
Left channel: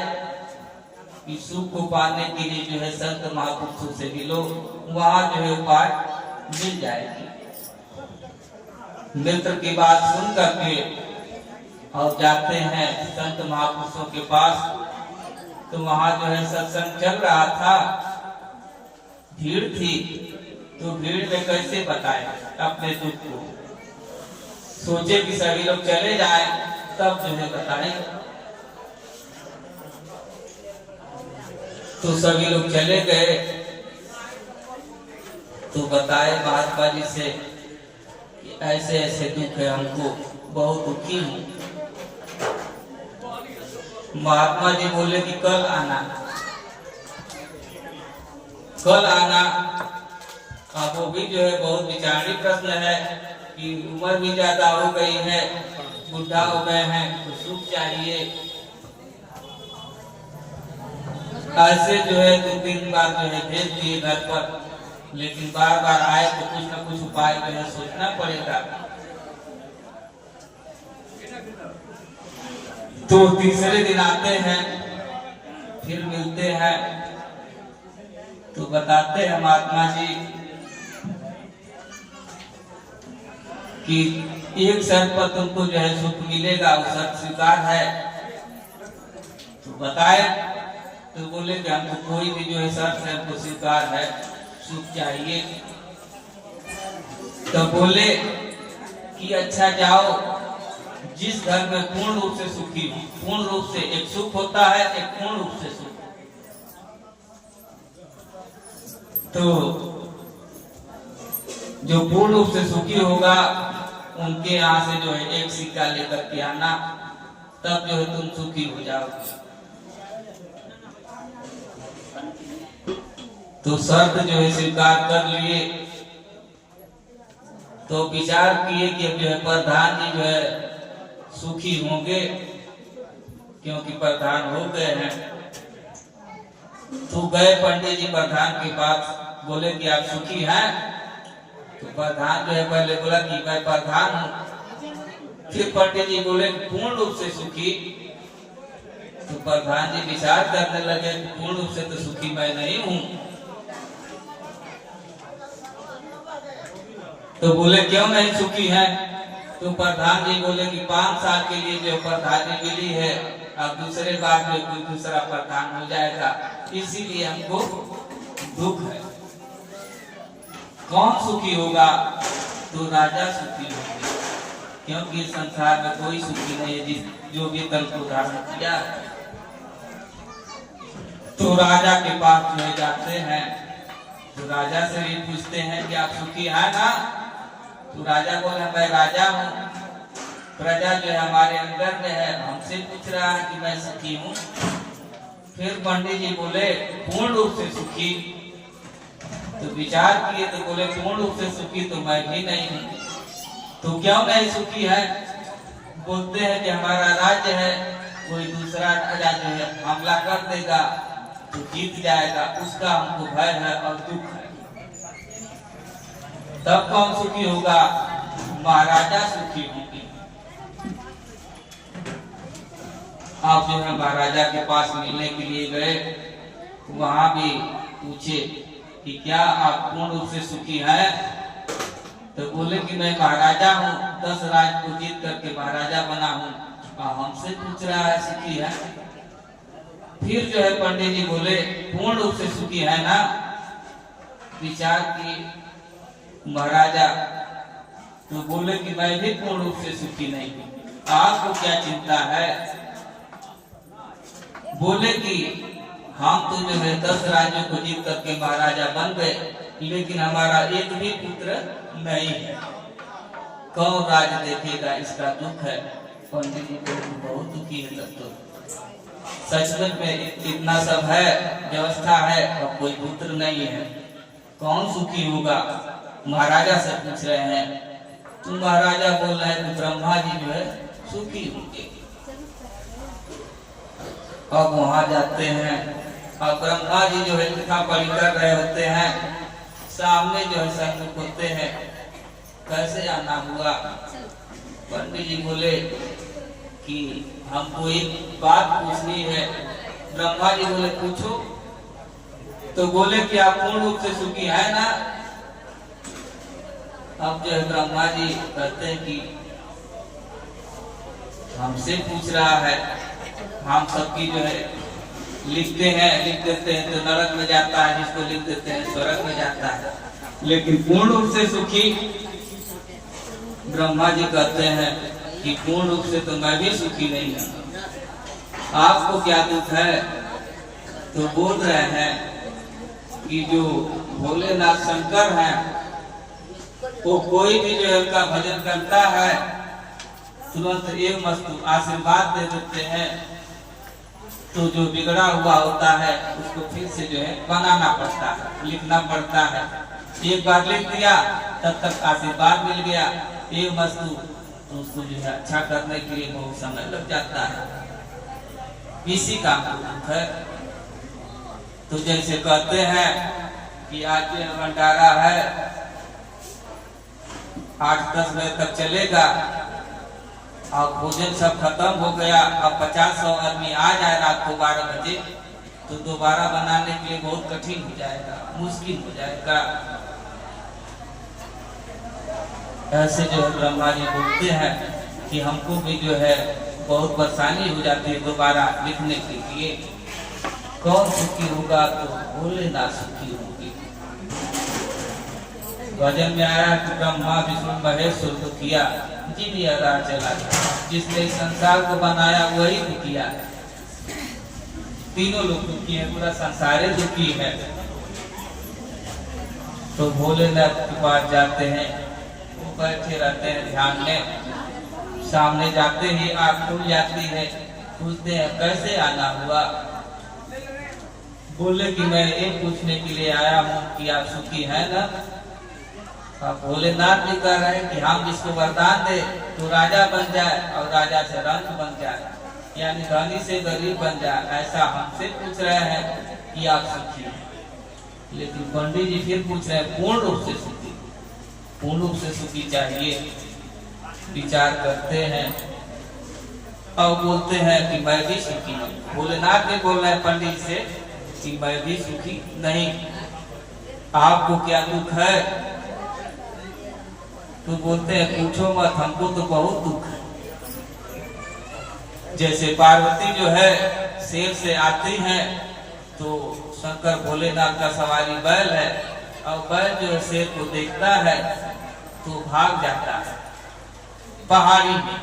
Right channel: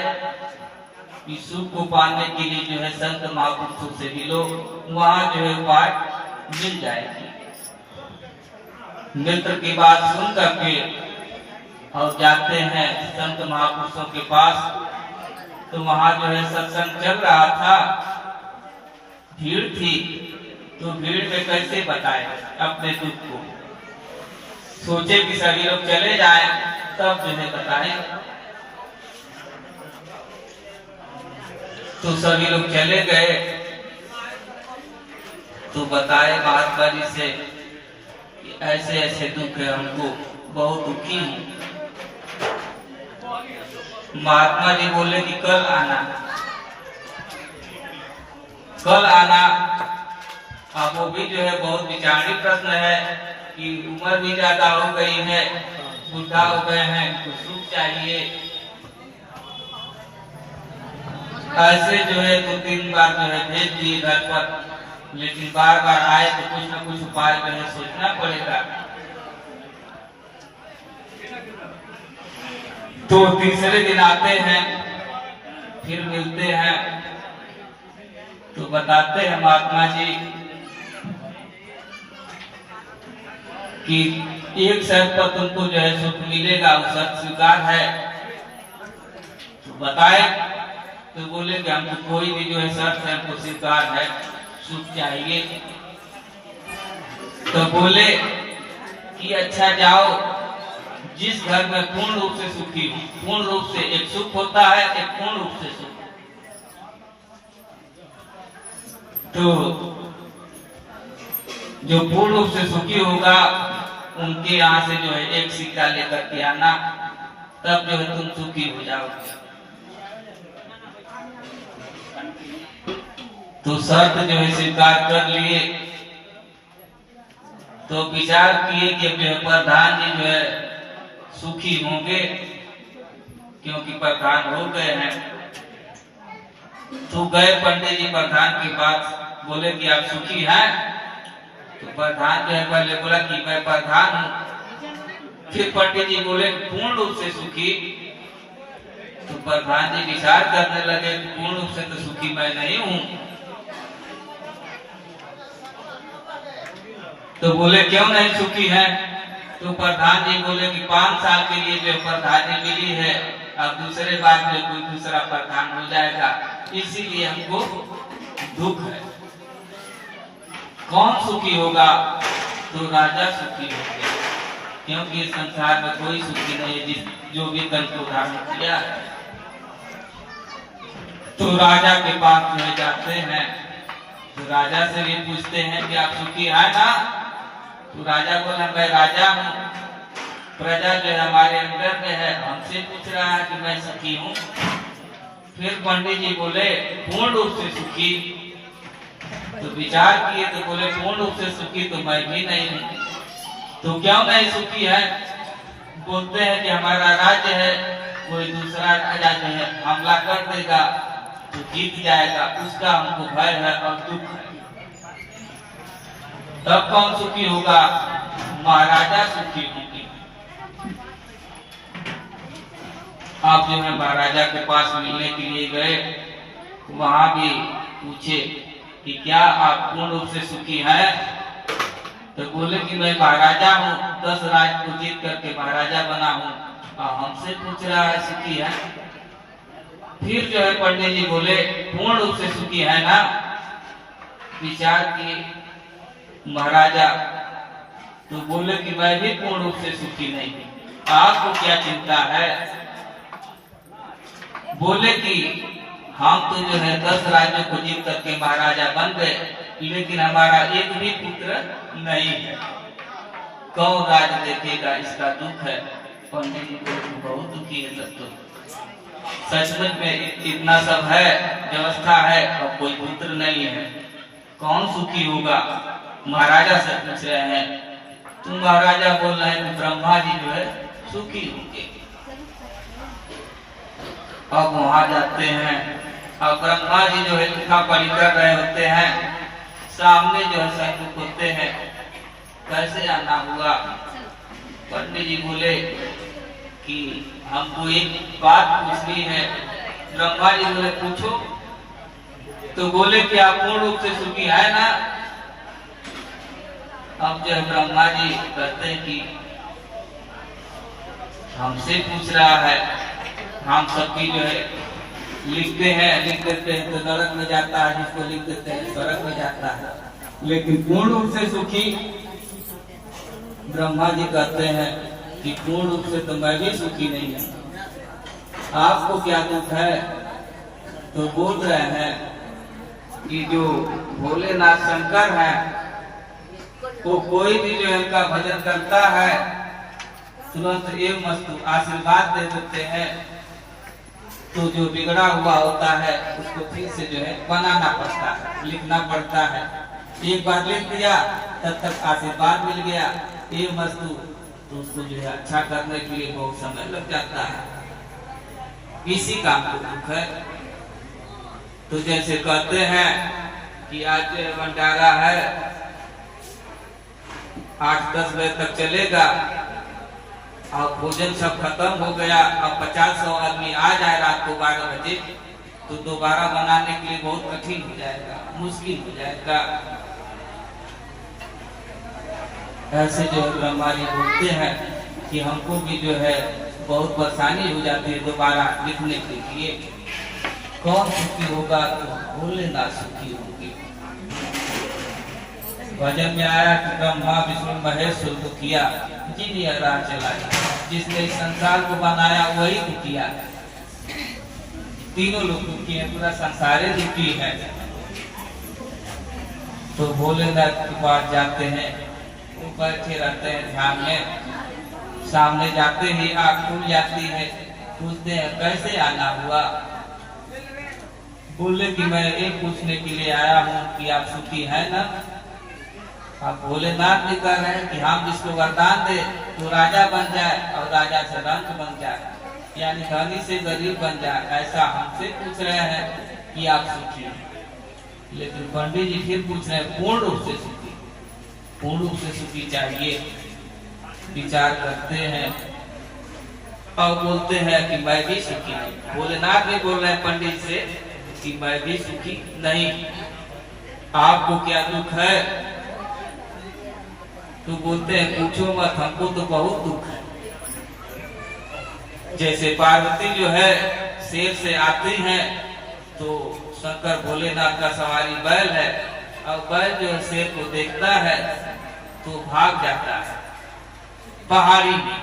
कि सुख को पाने के लिए जो है संत महापुरुषों से मिलो, वहां जो है उपाय मिल जाएगी। मित्र की बात सुन करके और जाते हैं संत महापुरुषों के पास। तो वहां जो है सत्संग चल रहा था, भीड़ थी, तो भीड़ में कैसे बताए अपने दुख को। सोचे कि सभी लोग चले जाएं तब जो है बताए। तो सभी लोग चले गए तो बताए महात्मा जी से कि ऐसे ऐसे दुख है, हमको बहुत दुखी हूँ। महात्मा जी बोले कि कल आना, कल आना। अब वो भी जो है बहुत विचारणीय प्रश्न है कि उम्र भी ज्यादा हो गई है, बुढ़ा हो गए हैं, तो सुख चाहिए। ऐसे जो है 2-3 बार जो है भेज दिए घर पर, लेकिन बार बार आए तो कुछ न कुछ उपाय जो है सोचना पड़ेगा। तो तीसरे दिन आते हैं, फिर मिलते हैं, तो बताते हैं महात्मा जी कि एक शर्त पर तुमको जो है सुख मिलेगा, वो शर्त स्वीकार है। तो बताए तो बोले कि हमको कोई भी जो है शर्त है हमको स्वीकार है, सुख चाहिए। तो बोले कि अच्छा जाओ, जिस घर में पूर्ण रूप से सुखी हो, पूर्ण रूप से एक सुख होता है, एक पूर्ण रूप से सुख। तो जो पूर्ण रूप से सुखी होगा उनके यहाँ से जो है एक सिक्का लेकर के आना, तब जो है तुम सुखी हो जाओगे। तो शर्त जो है स्वीकार कर लिए। तो विचार किए कि प्रधान जी जो है सुखी होंगे, क्योंकि प्रधान हो गए हैं। तो गए पंडित जी प्रधान के पास, बोले कि आप सुखी हैं? तो प्रधान जो है पहले बोला कि मैं प्रधान हूँ। फिर पंडित जी बोले पूर्ण रूप से सुखी। तो प्रधान जी विचार करने लगे, पूर्ण रूप से तो सुखी मैं नहीं हूँ। तो बोले क्यों नहीं सुखी है? तो प्रधान जी बोले कि 5 साल के लिए जो प्रधानी मिली है, अब दूसरे बार में कोई दूसरा प्रधान हो जाएगा, इसीलिए हमको दुख है। कौन सुखी होगा? तो राजा सुखी होंगे, क्योंकि संसार में कोई सुखी नहीं है जो भी कल को धारण किया। तो राजा के पास में जाते हैं, तो राजा से भी पूछते हैं कि आप सुखी है ना? तो राजा बोला मैं राजा हूँ, प्रजा जो है हमारे अंदर में है, हमसे पूछ रहा है कि मैं सुखी हूँ। फिर पंडित जी बोले पूर्ण रूप से सुखी। तो विचार किए तो बोले पूर्ण रूप से सुखी तो मैं भी नहीं हूँ। तो क्यों नहीं सुखी है? बोलते हैं कि हमारा राज्य है, कोई दूसरा राजा जो है हमला कर देगा तो जीत जाएगा, उसका हमको भय है और दुख है। तब कौन सुखी होगा? महाराजा सुखी होंगे। आप जो है महाराजा के पास मिलने के लिए गए, वहां भी पूछे कि क्या आप पूर्ण रूप से सुखी हैं? तो बोले कि मैं महाराजा हूँ, 10 राज्य को जीत करके महाराजा बना हूँ, और हमसे पूछ रहा है सुखी है? फिर जो है पंडित जी बोले पूर्ण रूप से सुखी है ना? विचार किए महाराजा, तो बोले कि मैं भी पूर्ण रूप से सुखी नहीं हूँ, आपको क्या चिंता है? बोले कि हम तो जो है 10 राज्यों को जीत करके महाराजा बन गए, लेकिन हमारा एक भी पुत्र नहीं है, कौन राज देखेगा? इसका दुख है। पंडित जी को बहुत दुखी है। तब तो सचमुच में इतना सब है, व्यवस्था है, और कोई पुत्र नहीं है, कौन सुखी होगा? महाराजा से पूछ रहे हैं। तो महाराजा बोल रहे हैं ब्रह्मा जी जो है सुखी होंगे। अब वहां जाते हैं और ब्रह्मा जी जो है लिखा पढ़ी कर रहे होते हैं, सामने जो है सन्मुख होते हैं, कैसे आना हुआ। पंडित जी बोले कि हमको एक बात पूछनी है। ब्रह्मा जी बोले पूछो। तो बोले कि आप पूर्ण रूप से सुखी है ना। अब जो है ब्रह्मा जी कहते हैं कि हमसे पूछ रहा है, हम सबकी जो है लिख देते हैं तो नरक में जाता है, जिसको लिख देते हैं स्वर्ग में जाता है, लेकिन पूर्ण रूप से सुखी। ब्रह्मा जी कहते हैं कि पूर्ण रूप से तो मैं भी सुखी नहीं हूँ, आपको क्या दुख है। तो बोल रहे हैं कि जो भोलेनाथ शंकर हैं, वो कोई भी जो है उनका भजन करता है तुरंत एवं मस्तु आशीर्वाद दे देते हैं। तो जो बिगड़ा हुआ होता है उसको फिर से जो है बनाना पड़ता है, लिखना पड़ता है। एक बार लिख दिया तब तक आशीर्वाद मिल गया एवं मस्तु, तो उसको जो है अच्छा करने के लिए बहुत समय लग जाता है। इसी काम को दुख है। तो जैसे कहते हैं कि आज जो है भंडारा है 8-10 बजे तक चलेगा और भोजन सब खत्म हो गया, अब 50-100 आदमी आ जाए रात को 12 बजे, तो दोबारा बनाने के लिए बहुत कठिन हो जाएगा, मुश्किल हो जाएगा। ऐसे जो है ब्रह्मा जी बोलते हैं कि हमको भी जो है बहुत परेशानी हो जाती है दोबारा लिखने के लिए। कौन सुखी होगा? तो भोलेनाथ सुखी होगी। भजन में आया कि ब्रह्मा विष्णु महेश सुख किया, जी राह चला गया। जिसने इस संसार को बनाया वही दुखिया है। तीनों लोग दुखी है, पूरा संसार ही दुखी है। तो भोलेनाथ के पास जाते हैं, वो बैठे रहते हैं ध्यान में। सामने जाते ही आँख खुल जाती है, पूछते हैं कैसे आना हुआ। बोले कि मैं ये पूछने के लिए आया हूँ कि आप सुखी है ना। आप भोलेनाथ जी कह रहे हैं कि हम जिसको वरदान दे तो राजा बन जाए और राजा से रंक बन जाए, यानी धनी से गरीब बन जाए, ऐसा हमसे पूछ रहे हैं कि आप सुखी हैं। लेकिन पंडित जी फिर पूछ रहे हैं पूर्ण रूप से सुखी, पूर्ण रूप से सुखी चाहिए। विचार करते हैं और बोलते हैं कि मैं भी सुखी हूँ। भोलेनाथ भी बोल रहे हैं पंडित से कि मैं भी सुखी नहीं, आपको क्या दुख है। तो बोलते हैं पूछो मत, हमको तो बहुत दुख है। जैसे पार्वती जो है शेर से आती हैं तो शंकर भोलेनाथ का सवारी बैल है, और बैल जो है शेर को देखता है तो भाग जाता है पहाड़ी में।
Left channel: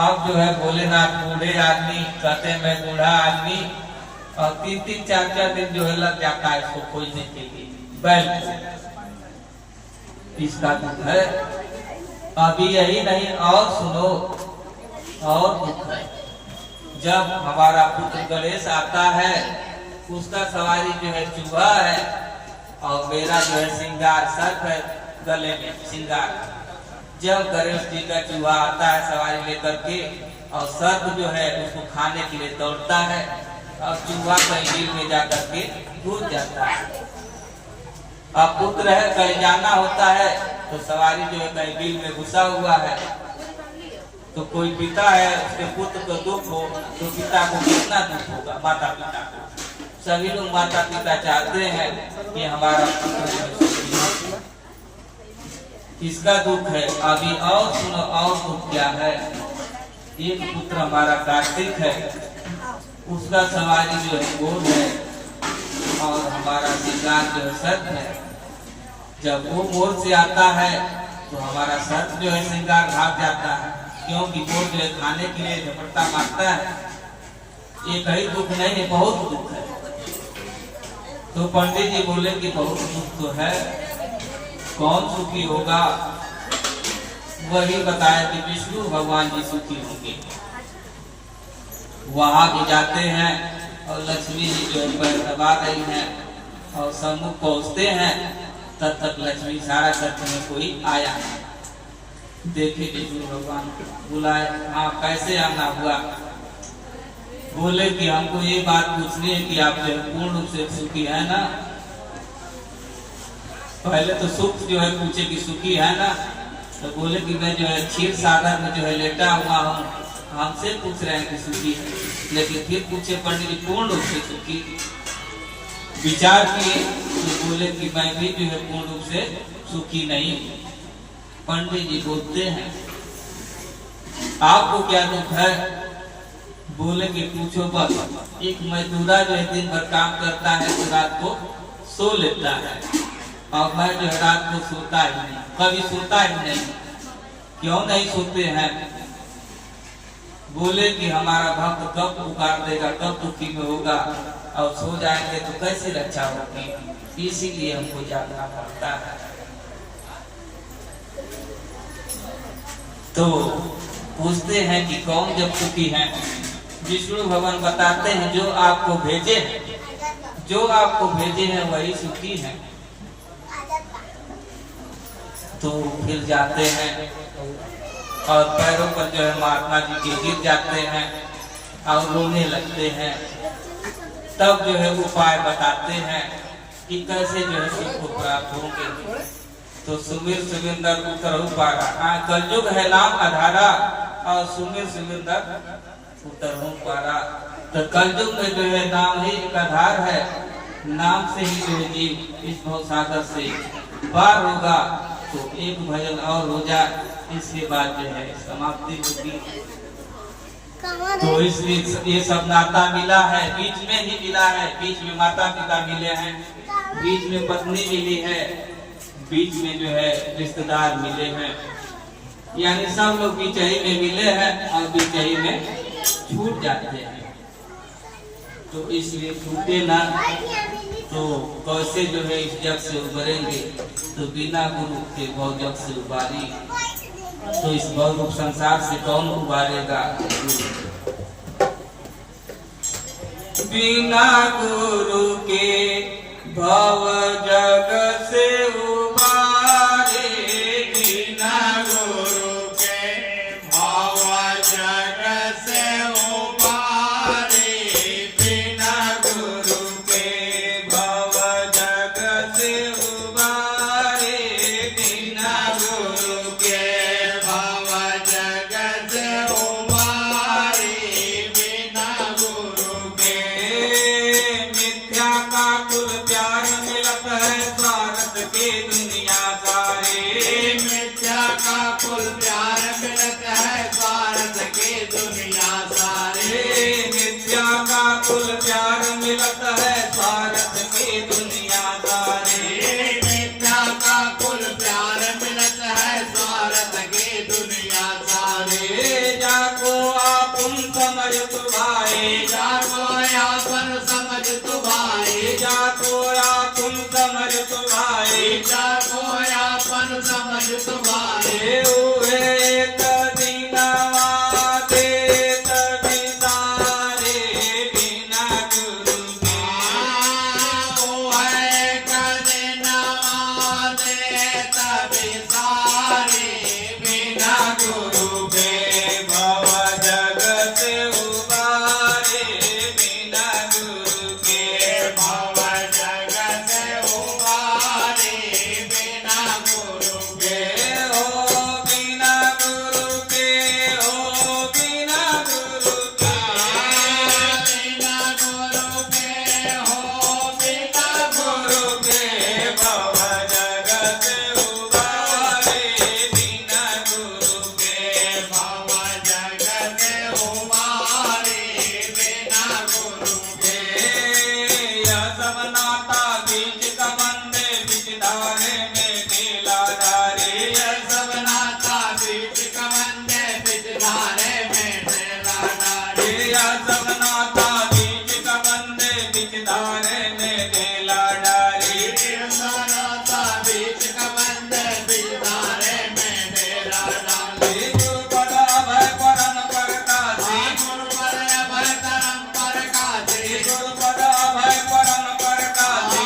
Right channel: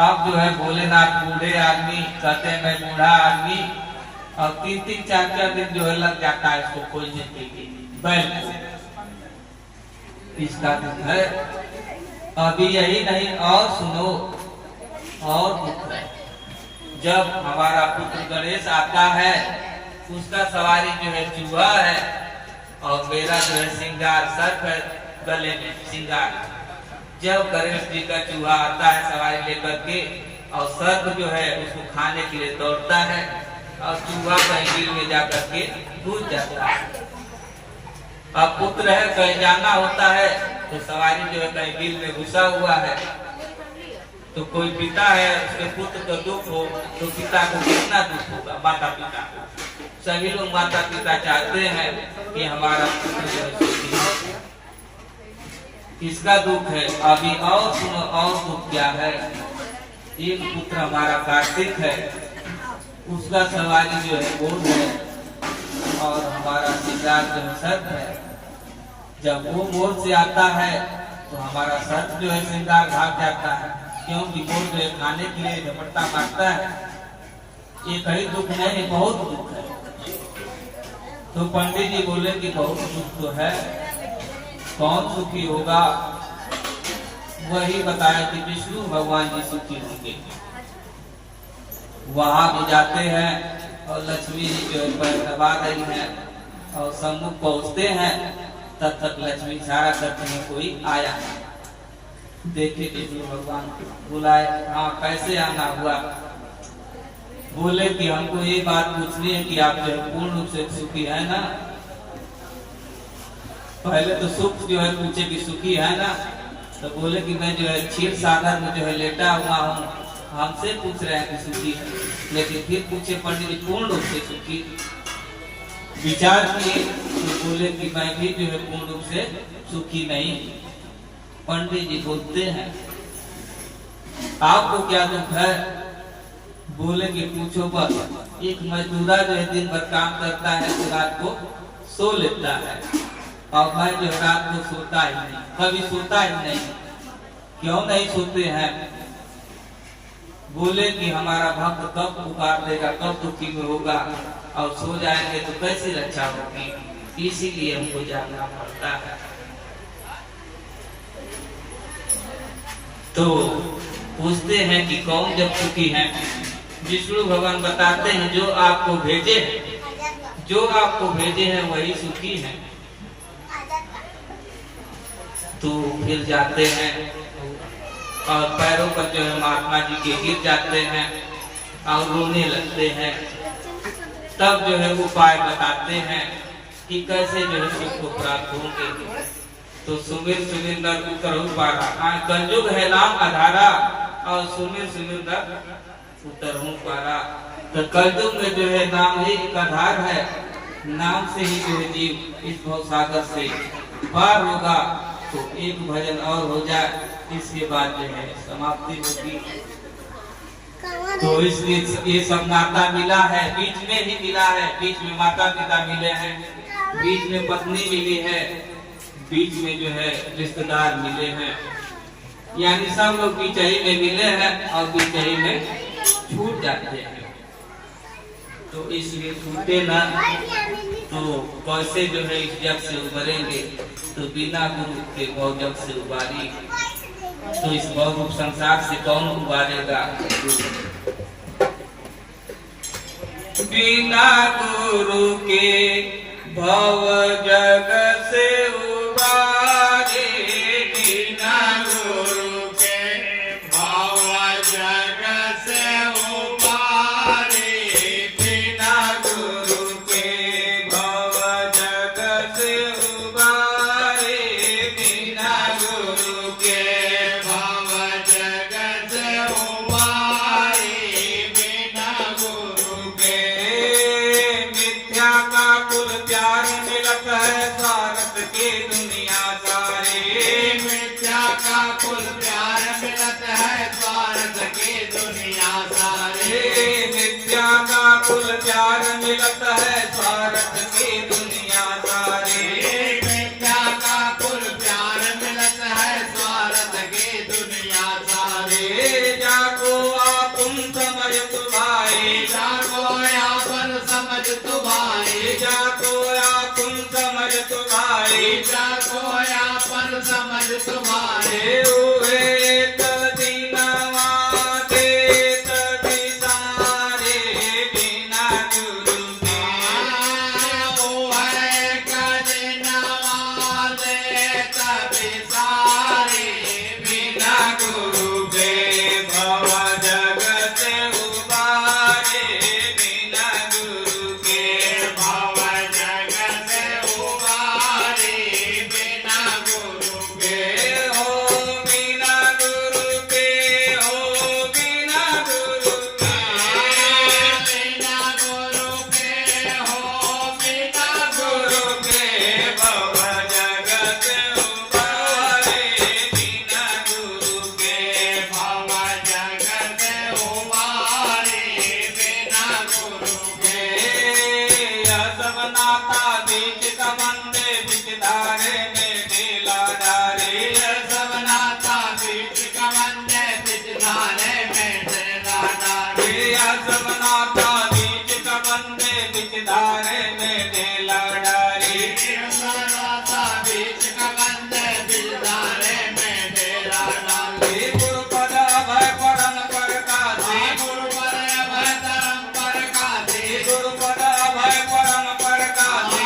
अब जो है भोलेनाथ बूढ़े आदमी कहते हैं मैं बूढ़ा आदमी, और 3-3, 4-4 दिन जो है लग जाता है इसको खोजने के लिए बैल को। इसका दुख है। अभी यही नहीं, और सुनो, और दुख है। जब हमारा पुत्र गणेश आता है, उसका सवारी जो है चूहा है, और मेरा जो है श्रृंगार सर्प है, गले में श्रृंगार। जब गणेश जी का चूहा आता है सवारी लेकर के, और सर्प जो है उसको खाने के लिए दौड़ता है, और चूहा कहीं बिल में जाकर के डूब जाता है। अब पुत्र है, कहीं जाना होता है तो सवारी जो है कहीं बिल में घुसा हुआ है, तो कोई पिता है उसके पुत्र को दुख हो तो पिता को कितना दुख होगा, माता पिता को। सभी लोग माता पिता चाहते हैं कि हमारा पुत्र जो है, इसका दुख है। अभी और सुनो, और दुख क्या है। एक पुत्र हमारा कार्तिक है, उसका सवारी जो है गोल है, और हमारा श्रृंगार जो है सर्प है। जब वो मोर से आता है तो हमारा सर्प जो है श्रृंगार भाग जाता है, क्योंकि मोर जो है खाने के लिए झपट्टा मारता है। एक ही दुख नहीं है, बहुत दुख है। तो पंडित जी बोले कि बहुत दुख तो है, कौन सुखी होगा। वही बताया कि विष्णु भगवान जी सुखी होंगे। वहां भी जाते हैं और लक्ष्मी जी जो है दबा रही हैं, और सम्मुख पहुंचते हैं, तब तक लक्ष्मी सारा करते में कोई आया नहीं। देखे विष्णु भगवान बुलाए, हाँ कैसे आना हुआ। बोले कि हमको ये बात पूछनी है कि आप जो है पूर्ण रूप से सुखी है ना। पहले तो सुख जो है पूछे कि सुखी है ना, तो बोले कि मैं जो है क्षीर सागर में जो है लेटा हुआ हूँ, हमसे पूछ रहे हैं कि सुखी है। लेकिन फिर पूछे पंडित जी पूर्ण रूप से सुखी, विचार किए तो बोले कि मैं भी जो है पूर्ण रूप से सुखी नहीं। पंडित जी बोलते हैं आपको क्या दुख है? बोले कि पूछो बस। एक मजदूरा जो है दिन भर काम करता है तो रात को सो लेता है, और मैं जो है रात को सोता ही नहीं, कभी सोता ही नहीं। क्यों नहीं सोते हैं? बोले कि हमारा भक्त कब पुकार देगा, कब दुखी में होगा, और सो जाएंगे तो कैसे रक्षा होगी, इसीलिए हमको जागना पड़ता है। तो पूछते हैं कि कौन जब सुखी है? विष्णु भगवान बताते हैं जो आपको भेजे, जो आपको भेजे हैं वही सुखी है। तो फिर जाते हैं और पैरों पर जो है महात्मा जी के गिर जाते हैं और रोने लगते हैं। तब जो है उपाय बताते हैं कि कैसे जो है सुख को प्राप्त होंगे। तो सुमिर सुमिर नर उतरहु पारा, कलयुग है नाम आधारा, और सुमिर सुमिर नर उतरहु पारा। तो कलयुग में जो है नाम ही एक आधार है, नाम से ही जो है जीव इस भव सागर से पार होगा। तो एक भजन और हो जाए, इसके बाद जो है समाप्ति होगी। तो इसलिए ये सब नाता मिला है, बीच में ही मिला है, बीच में माता पिता मिले हैं, बीच में पत्नी मिली है, बीच में जो है रिश्तेदार मिले हैं, यानी सब लोग बीच ही में मिले हैं और बीच ही में छूट जाते हैं। तो इसलिए छूटे ना, तो कैसे जो है इस जग से उबरेंगे? तो बिना गुरु के भव जग से उबारी, तो इस बहुरूप संसार से कौन उबारेगा? बिना गुरु के भव जग से उबारे, बिना गुरु के भव जग से उबारे, बिना गुरु के भव जग से उबारे, बिना गुरु के भव जग से उबारे, बिना गुरु के मिथ्या का कुल प्यार मिलत है स्वार्थ के दुनिया सारे। मिथ्या का कुल प्यार मिलत है स्वार्थ के दुनिया सारे। मिथ्या का कुल प्यार मिलत है स्वार्थ के दुनिया सारे। मिथ्या का कुल प्यार मिलत है स्वार्थ के दुनिया सारे। जाको आपुन समझ तुभाए, जाको यापन समझ तुभाए, जाको आपुन समझ तुभाए, जाको यापन समझ तुभाए। हुए कदीना देत बिसारे, बिना गुरु के ओ है कदिनवा देत बिसारे, बिना गुरु के भव जग से उबारे, बिना गुरु के भव जग से उबारे, बिना गुरु के हो, बिना गुरु के हो, बिना गुरु के बिना गुरु के हो, बिना गुरु के भव जग से उबारे, बिना गुरु के भव जग से उबारे, बिना गुरु के सब नाता बीच कमंदे बीच धारे में ढीला डारे। सब नाता बीच कमंदे बिच धारे में तेरा डारे। सब नाता बीच कमंदे बीच धारे में ढीला डारे। सब नाता बीच कमंदे बिच धारे में तेरा डारे। गुरु पद भय परम परकासी, गुरु पर अभय करम पर कासे। गुरु पद भय परम परकासी,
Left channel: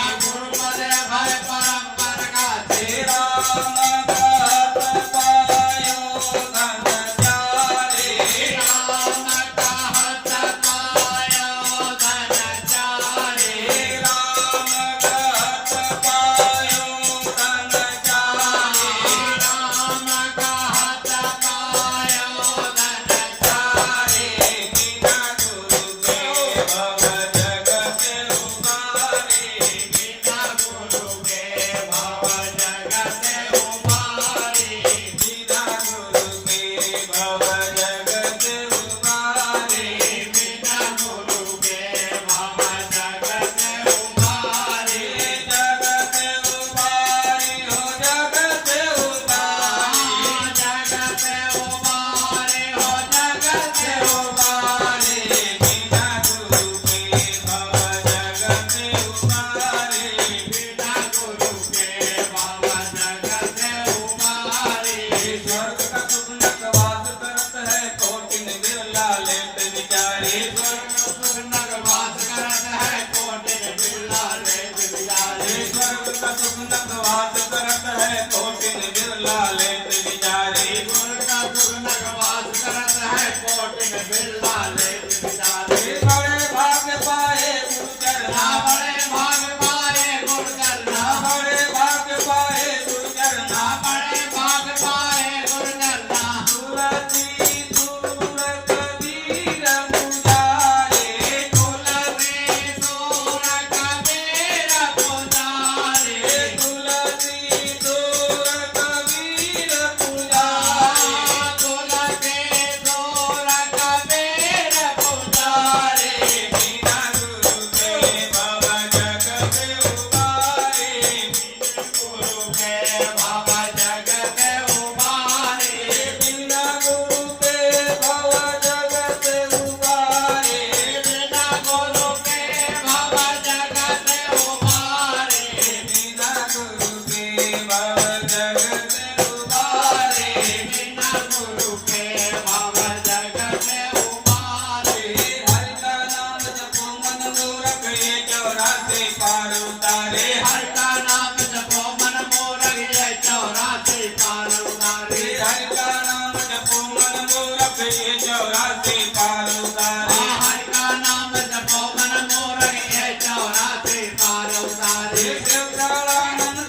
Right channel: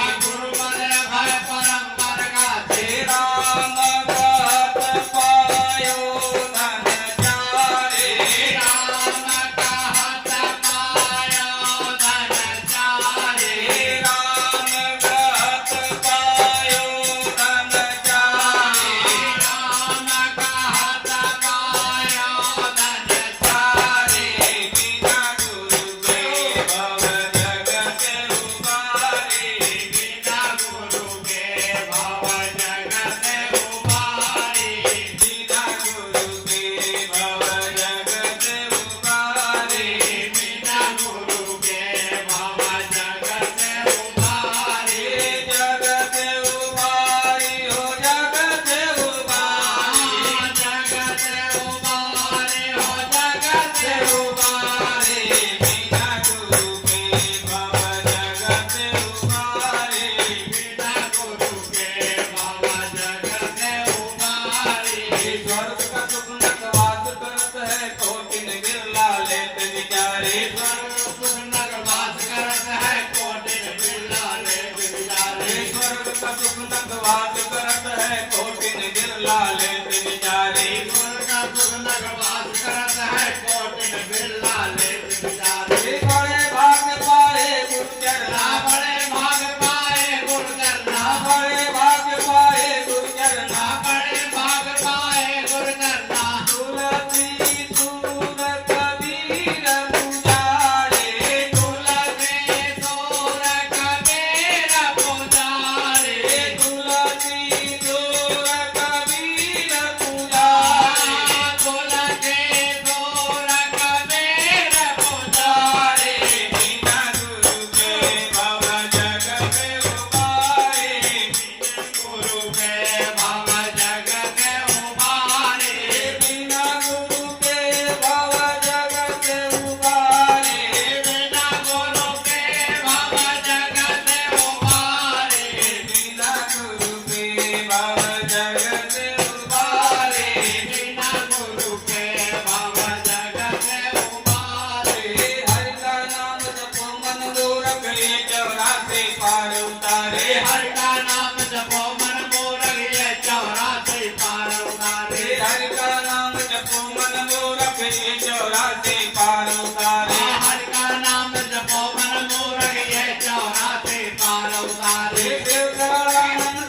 का सुख नगवास करत है कोटिन बिरला लेत विचारे गुण का सुख नगवास करत है कोटिन बिरला लेत विचारे बड़े भाग पाए गुर्जर ना बड़े भाग पाए गुर्जर ना बड़े भाग पाए गुर्जर ना बड़े भाग पाए गुर्जर ना तुलसी दूर कबीर मुजारे तुलसी दूर कबीर पुजारे तुलसी दूर कबीर मुजारे तुलसी दूर कबीर पुजारे बिना गुरु के भव जगत उबारे गुरु के भव जगत उबारे बिना गुरु के भव जगत उबारे बिना गुरु के भव जगत उबारे बिना गुरु के भव जगत उबारे बिना गुरु के भव जगत उबारे हरि का नाम जपो मन मूरख ये चौरासे पार उतारे हरि का नाम जपो मन मोरग ये चौरासे पार उतारे हरि का नाम जपो मन मूरख ये चौरासे पार उतारे हरि का नाम जपो मन मोरग ये चौरासे पार उतारे देवतानंद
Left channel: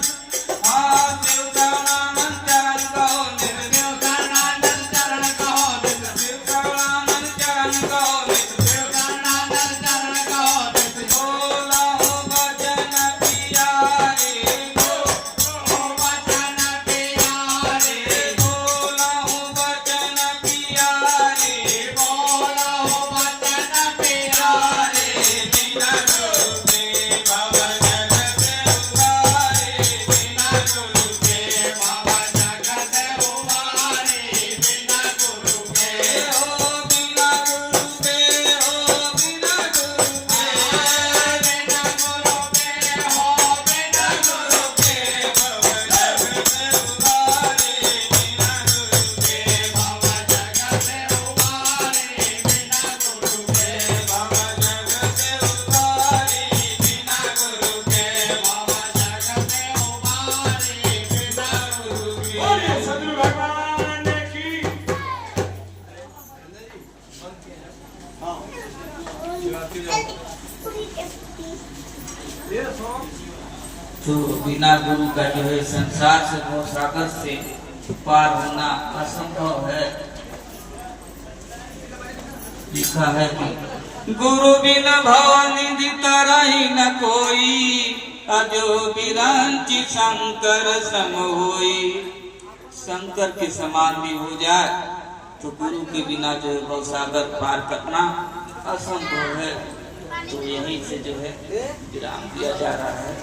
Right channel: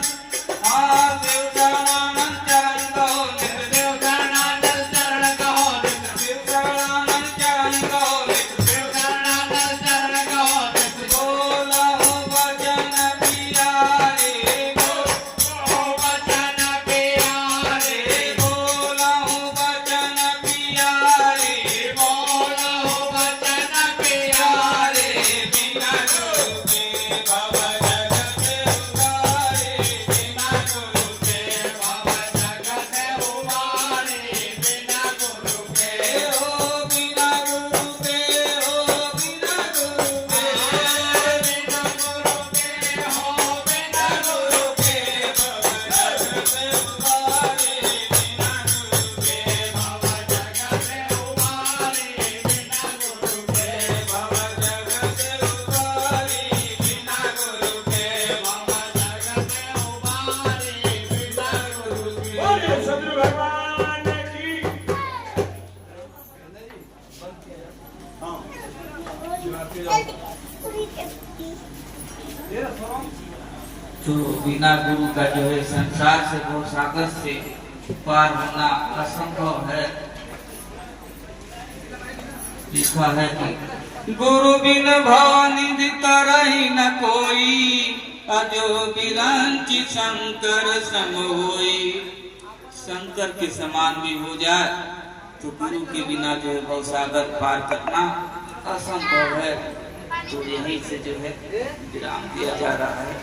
देवतानंद चरण कहो नित देवगणानंद चरण कहो नित देवतानंद चरण कहो नित देवगणानंद चरण कहो नित बोला हो भजन पियारे ओ वचन प्यारे बोला हो भजन पियारे बोला हो वचन प्यारे बिना गुरु के भव जगत उबारे बिना गुरु के भव जगत उबारे बिना गुरु के हो बिना गुरु के हो बिना गुरु के बिना गुरु के हो बिना गुरु के भव जगत उबारे बिना गुरु के भव जगत उबारे बिना गुरु के भव जगत उबारे बिना गुरु के भव जगत उबारे बिना गुरु के बोलिए सभी भगवान की तो बिना गुरु का जो है संसार से वो सागर से पार होना असंभव है। लिखा है कि गुरु बिन भवनिधि तरहि न कोई अजो बिरंचि शंकर सम होई। शंकर के समान भी हो जाए तो गुरु के बिना जो है वो सागर पार करना असंभव है। तो यहीं से जो है विराम दिया जा रहा है।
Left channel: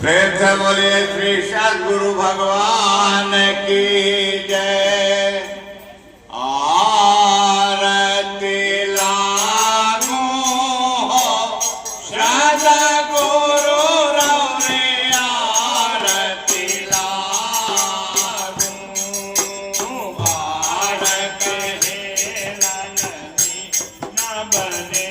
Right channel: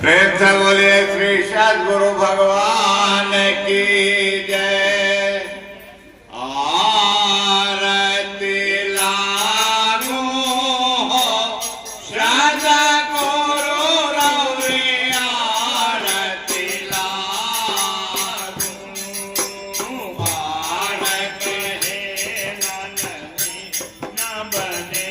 प्रेम से बोलिए श्री सद्गुरु भगवान की जय। आरती लानो सद्गुरु रौरे आरती लानो आरती है नंदी न बने